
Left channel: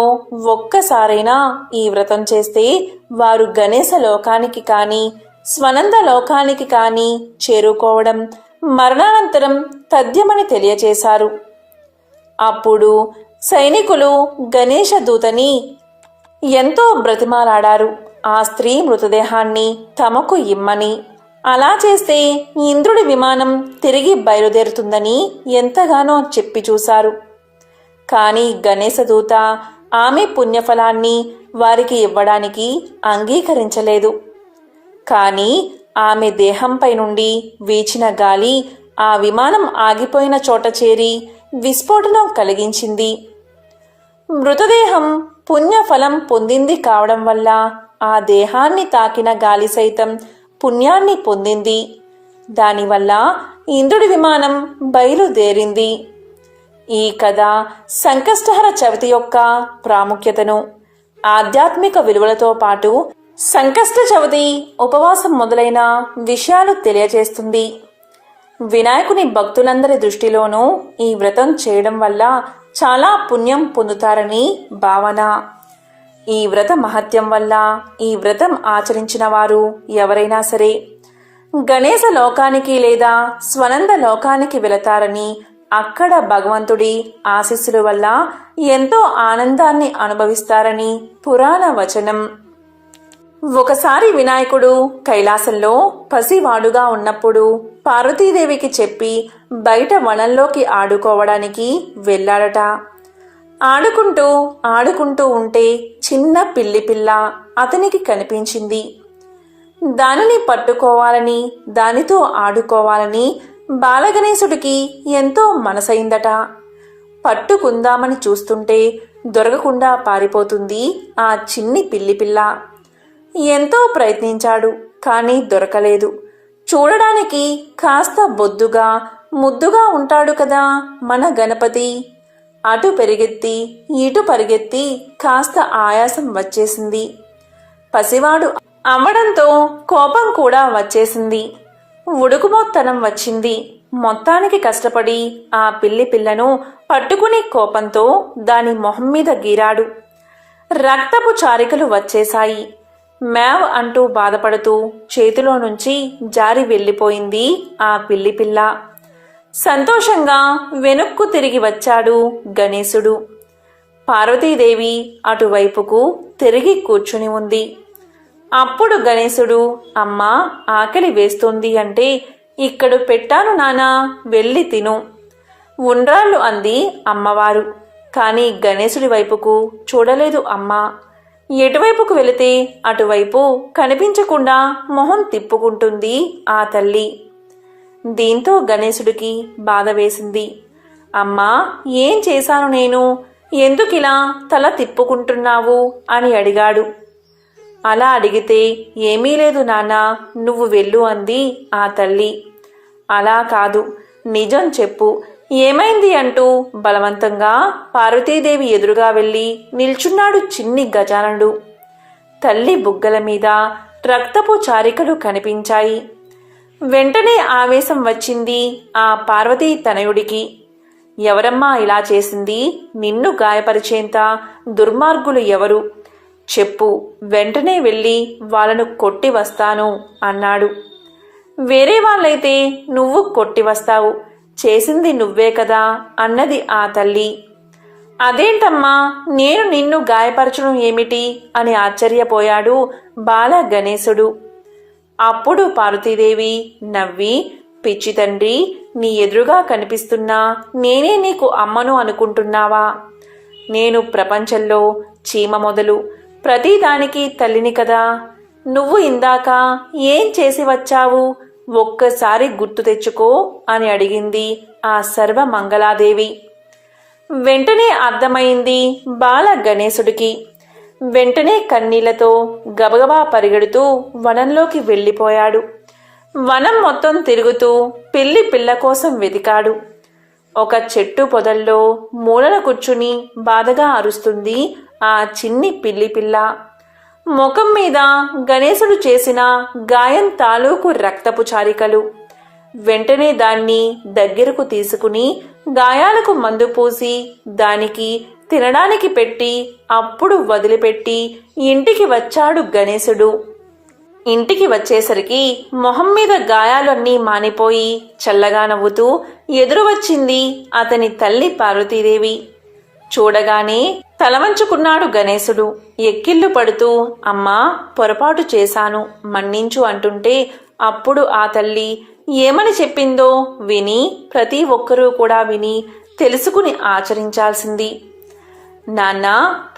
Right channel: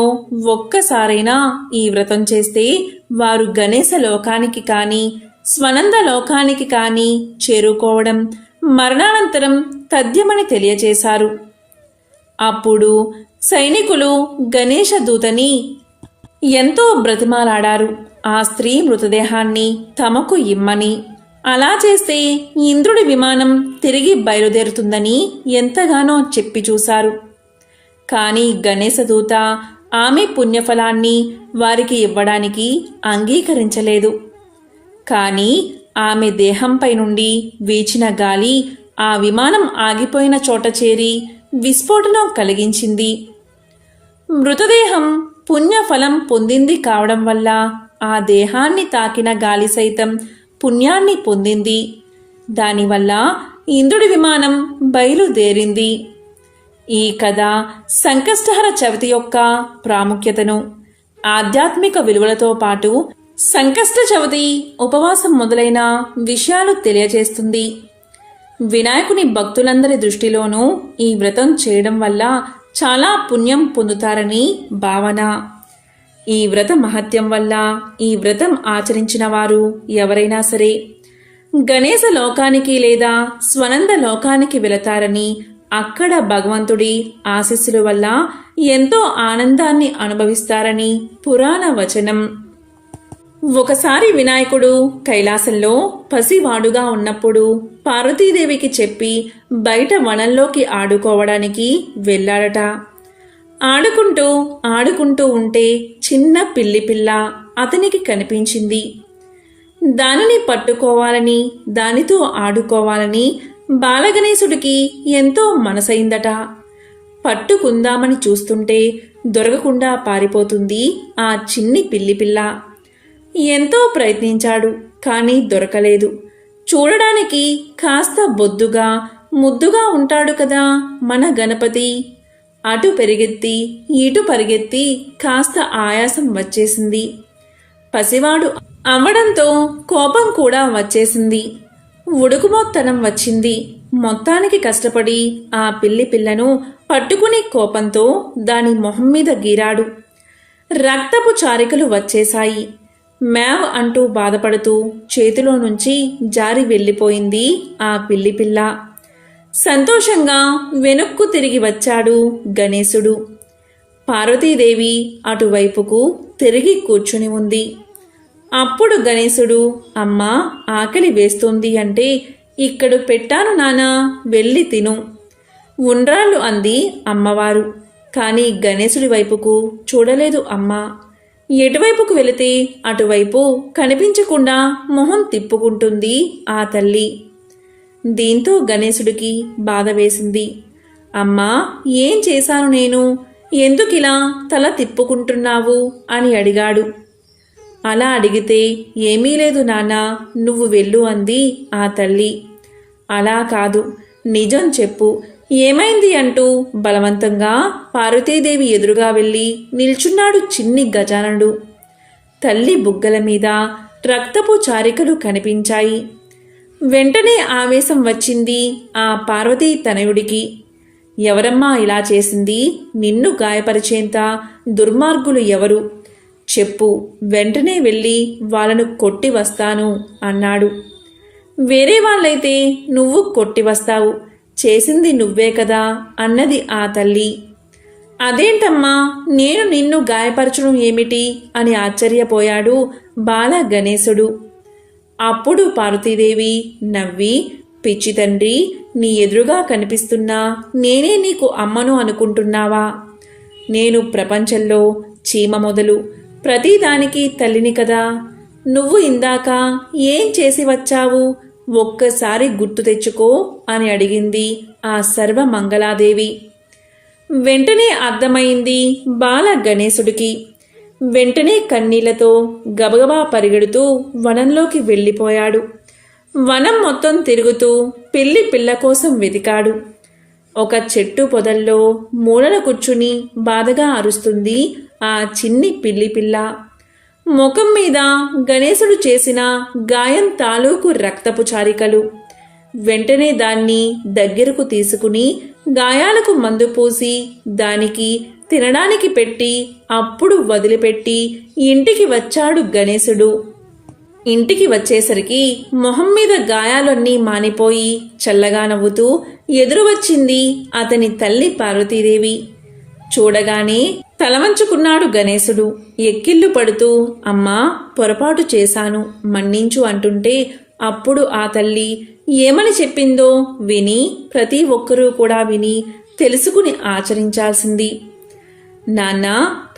ఒక్కసారైనా ఈ వ్రతం చేస్తే వారు గణేశ లోకానికి కానీ స్వనంద లోకానికి కానీ చేరుకోవడం మరణానంతరం తథ్యమని తెలియచేశారు. అప్పుడు సైనికులు గణేశ దూతని ఎంతో బ్రతిమాలాడారు ఆ స్త్రీ మృతదేహాన్ని తమకు ఇమ్మని. అలా చేస్తే ఇంద్రుడి విమానం తిరిగి బయలుదేరుతుందని ఎంతగానో చెప్పి చూశారు. కాని గణేశదూత ఆమె పుణ్యఫలాన్ని వారికి ఇవ్వడానికి అంగీకరించలేదు. కాని ఆమె దేహంపై నుండి వీచిన గాలి ఆ విమానం ఆగిపోయిన చోట చేరి విస్ఫోటనం కలిగించింది. మృతదేహం పుణ్యఫలం పొందింది కావడం వల్ల ఆ దేహాన్ని తాకిన గాలి సైతం పుణ్యాన్ని పొందింది. దానివల్ల ఇంద్రుడి విమానం బయలుదేరింది. ఈ కథ సంకష్టహర చవితి యొక్క ప్రాముఖ్యతను, ఆధ్యాత్మిక విలువలతో పాటు సంకష్ట చవితి ఉపవాసం మొదలైన విషయాలు తెలియజేస్తుంది. వినాయకుని భక్తులందరి దృష్టిలోనూ ఈ వ్రతం చేయడం వల్ల చాలా పుణ్యం పొందుతారని భావన. ఈ వ్రత మహత్యం వల్ల ఈ వ్రతం ఆచరించిన వారు ఎవరైనా సరే గణేశ లోకానికి లేదా స్వనంద లోకానికి వెళతారని, అక్కడ భగవంతుడి ఆశీస్సుల వల్ల ఎంతో ఆనందాన్ని అనుభవిస్తారని పురాణ వచనం. ఒకసారి వినాయకుడు కైలాసంలో పసివాడుగా ఉన్నప్పుడు పార్వతీదేవికి చెప్పి బయట వనంలోకి ఆడుకోవడానికి వెళ్ళాడట. ఆడుకుంటూ ఆడుకుంటూ ఉంటే చిన్న పిల్లి పిల్ల అతనికి కనిపించింది. దానిని పట్టుకోవాలని, దానితో ఆడుకోవాలని బాలగణేశుడికి ఎంతో మనసైందట. పట్టుకుందామని చూస్తుంటే దొరకకుండా పారిపోతుంది ఆ చిన్ని పిల్లి పిల్ల. ఎంతో ప్రయత్నించాడు, కానీ దొరకలేదు. చూడడానికి కాస్త బొద్దుగా ముద్దుగా ఉంటాడు కదా మన గణపతి. అటు పెరిగెత్తి ఇటు పరిగెత్తి కాస్త ఆయాసం వచ్చేసింది. పసివాడు అవ్వడంతో కోపం కూడా వచ్చేసింది. ఉడుకుమోత్తనం వచ్చింది. మొత్తానికి కష్టపడి ఆ పిల్లి పిల్లను పట్టుకుని కోపంతో దాని మొహం మీద గీరాడు. రక్తపు చారికలు వచ్చేశాయి. మేవ్ అంటూ బాధపడుతూ చేతిలో నుంచి జారి వెళ్ళిపోయింది ఆ పిల్లి పిల్ల. సంతోషంగా వెనుక్కు తిరిగి వచ్చాడు గణేశుడు. పార్వతీదేవి అటువైపుకు తిరిగి కూర్చుని ఉంది. అప్పుడు గణేశుడు, అమ్మా ఆకలి వేస్తోంది అంటే, ఇక్కడ పెట్టాను నానా, వెళ్ళి తిను. ఉండ్రాళ్ళు అంది అమ్మవారు. కాని గణేశుడి వైపుకు చూడలేదు అమ్మ. ఎటువైపుకు వెళితే అటువైపు కనిపించకుండా మొహం తిప్పుకుంటుంది ఆ తల్లి. దీంతో గణేశుడికి బాధ వేసింది. అమ్మా ఏం చేశాను నేను, ఎందుకిలా తల తిప్పుకుంటున్నావు అని అడిగాడు. అలా అడిగితే ఏమీ లేదు నాన్నా, నువ్వు వెళ్ళు అంది ఆ తల్లి. అలా కాదు, నిజం చెప్పు, ఏమైంది అంటూ బలవంతంగా పార్వతీదేవి ఎదురుగా వెళ్ళి నిల్చున్నాడు చిన్ని గజాననుడు. తల్లి బుగ్గల మీద రక్తపు చారికలు కనిపించాయి. వెంటనే ఆవేశం వచ్చింది ఆ పార్వతీ తనయుడికి. ఎవరమ్మా ఇలా చేసింది? నిన్ను గాయపరిచేంత దుర్మార్గులు ఎవరు? చెప్పు, వెంటనే వెళ్ళి వాళ్ళను కొట్టి వస్తాను అన్నాడు. వేరే వాళ్ళైతే నువ్వు కొట్టి వస్తావు, చేసింది నువ్వే కదా అన్నది ఆ తల్లి. అదేంటమ్మా, నేను నిన్ను గాయపరచడం ఏమిటి అని ఆశ్చర్యపోయాడు బాల గణేశుడు. అప్పుడు పార్వతీదేవి నవ్వి, పిచ్చి తండ్రి, నీ ఎదురుగా కనిపిస్తున్నా నేనే నీకు అమ్మను అనుకుంటున్నావా? నేను ప్రపంచంలో చీమ మొదలు ప్రతిదానికి తల్లిని కదా. నువ్వు ఇందాక ఏం చేసి వచ్చావు, ఒక్కసారి గుర్తు తెచ్చుకో అని అడిగింది ఆ సర్వమంగళాదేవి. వెంటనే అర్థమైంది బాల గణేశుడికి. వెంటనే కన్నీళ్లతో గబగబా పరిగెడుతూ వనంలోకి వెళ్ళిపోయాడు. వనం మొత్తం తిరుగుతూ పిల్లి పిల్ల కోసం వెతికాడు. ఒక చెట్టు పొదల్లో మూలన కూర్చుని బాధగా అరుస్తుంది ఆ చిన్ని పిల్లి పిల్ల. ముఖం మీద గణేశుడు చేసిన గాయం తాలూకు రక్తపు చారికలు. వెంటనే దాన్ని దగ్గరకు తీసుకుని గాయాలకు మందు పూసి దానికి తినడానికి పెట్టి అప్పుడు వదిలిపెట్టి ఇంటికి వచ్చాడు గణేశుడు. ఇంటికి వచ్చేసరికి మొహం మీద గాయాలన్నీ మానిపోయి చల్లగా నవ్వుతూ ఎదురు వచ్చింది అతని తల్లి పార్వతీదేవి. చూడగానే తలవంచుకున్నాడు గణేశుడు. ఎక్కిళ్ళు పడుతూ అమ్మా, పొరపాటు చేశాను, మన్నించు అంటుంటే అప్పుడు ఆ తల్లి ఏమని చెప్పిందో విని ప్రతి ఒక్కరూ కూడా విని తెలుసుకుని ఆచరించాల్సింది. నాన్న,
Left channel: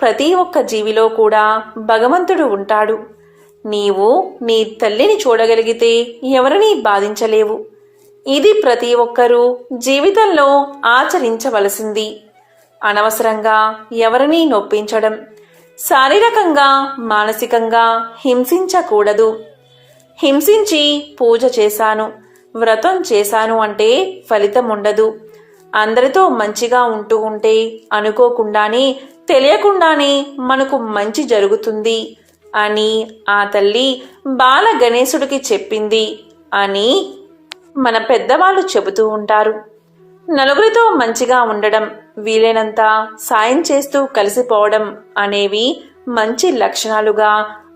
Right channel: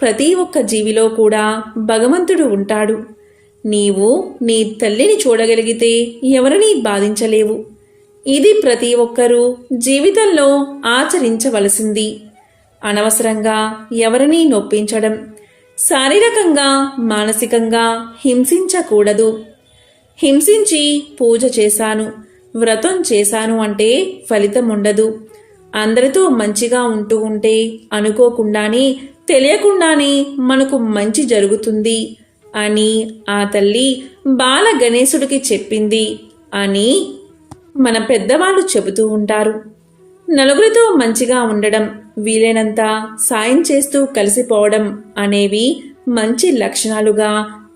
ప్రతి ఒక్క జీవిలో కూడా భగవంతుడు ఉంటాడు. నీవు నీ తల్లిని చూడగలిగితే ఎవరినీ బాధించలేవు. ఇది ప్రతి ఒక్కరూ జీవితంలో ఆచరించవలసింది. అనవసరంగా ఎవరినీ నొప్పించడం, శారీరకంగా మానసికంగా హింసించకూడదు. హింసించి పూజ చేశాను, వ్రతం చేశాను అంటే ఫలితం ఉండదు. అందరితో మంచిగా ఉంటూ ఉంటే అనుకోకుండానే తెలియకుండానే మనకు మంచి జరుగుతుంది అని ఆ తల్లి బాల గణేశుడికి చెప్పింది అని మన పెద్దవాళ్ళు చెబుతూ ఉంటారు. నలుగురితో మంచిగా ఉండడం, వీలైనంత సాయం చేస్తూ కలిసిపోవడం అనేవి మంచి లక్షణాలుగా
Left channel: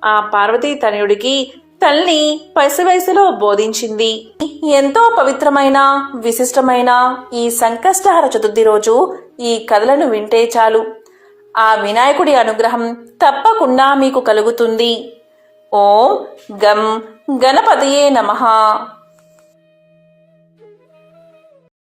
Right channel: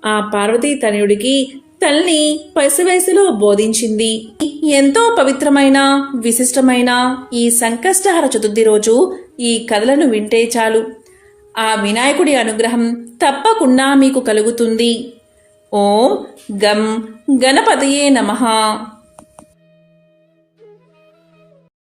ఆ పార్వతీ తనయుడికి తల్లి పసివయసులో బోధించింది. ఎంతో పవిత్రమైన విశిష్టమైన ఈ సంకష్టహర చతుర్థి రోజు ఈ కథలను వింటే చాలు, ఆ వినాయకుడి అనుగ్రహం తప్పకుండా మీకు కలుగుతుంది. ఓం గం గణపతయే నమః.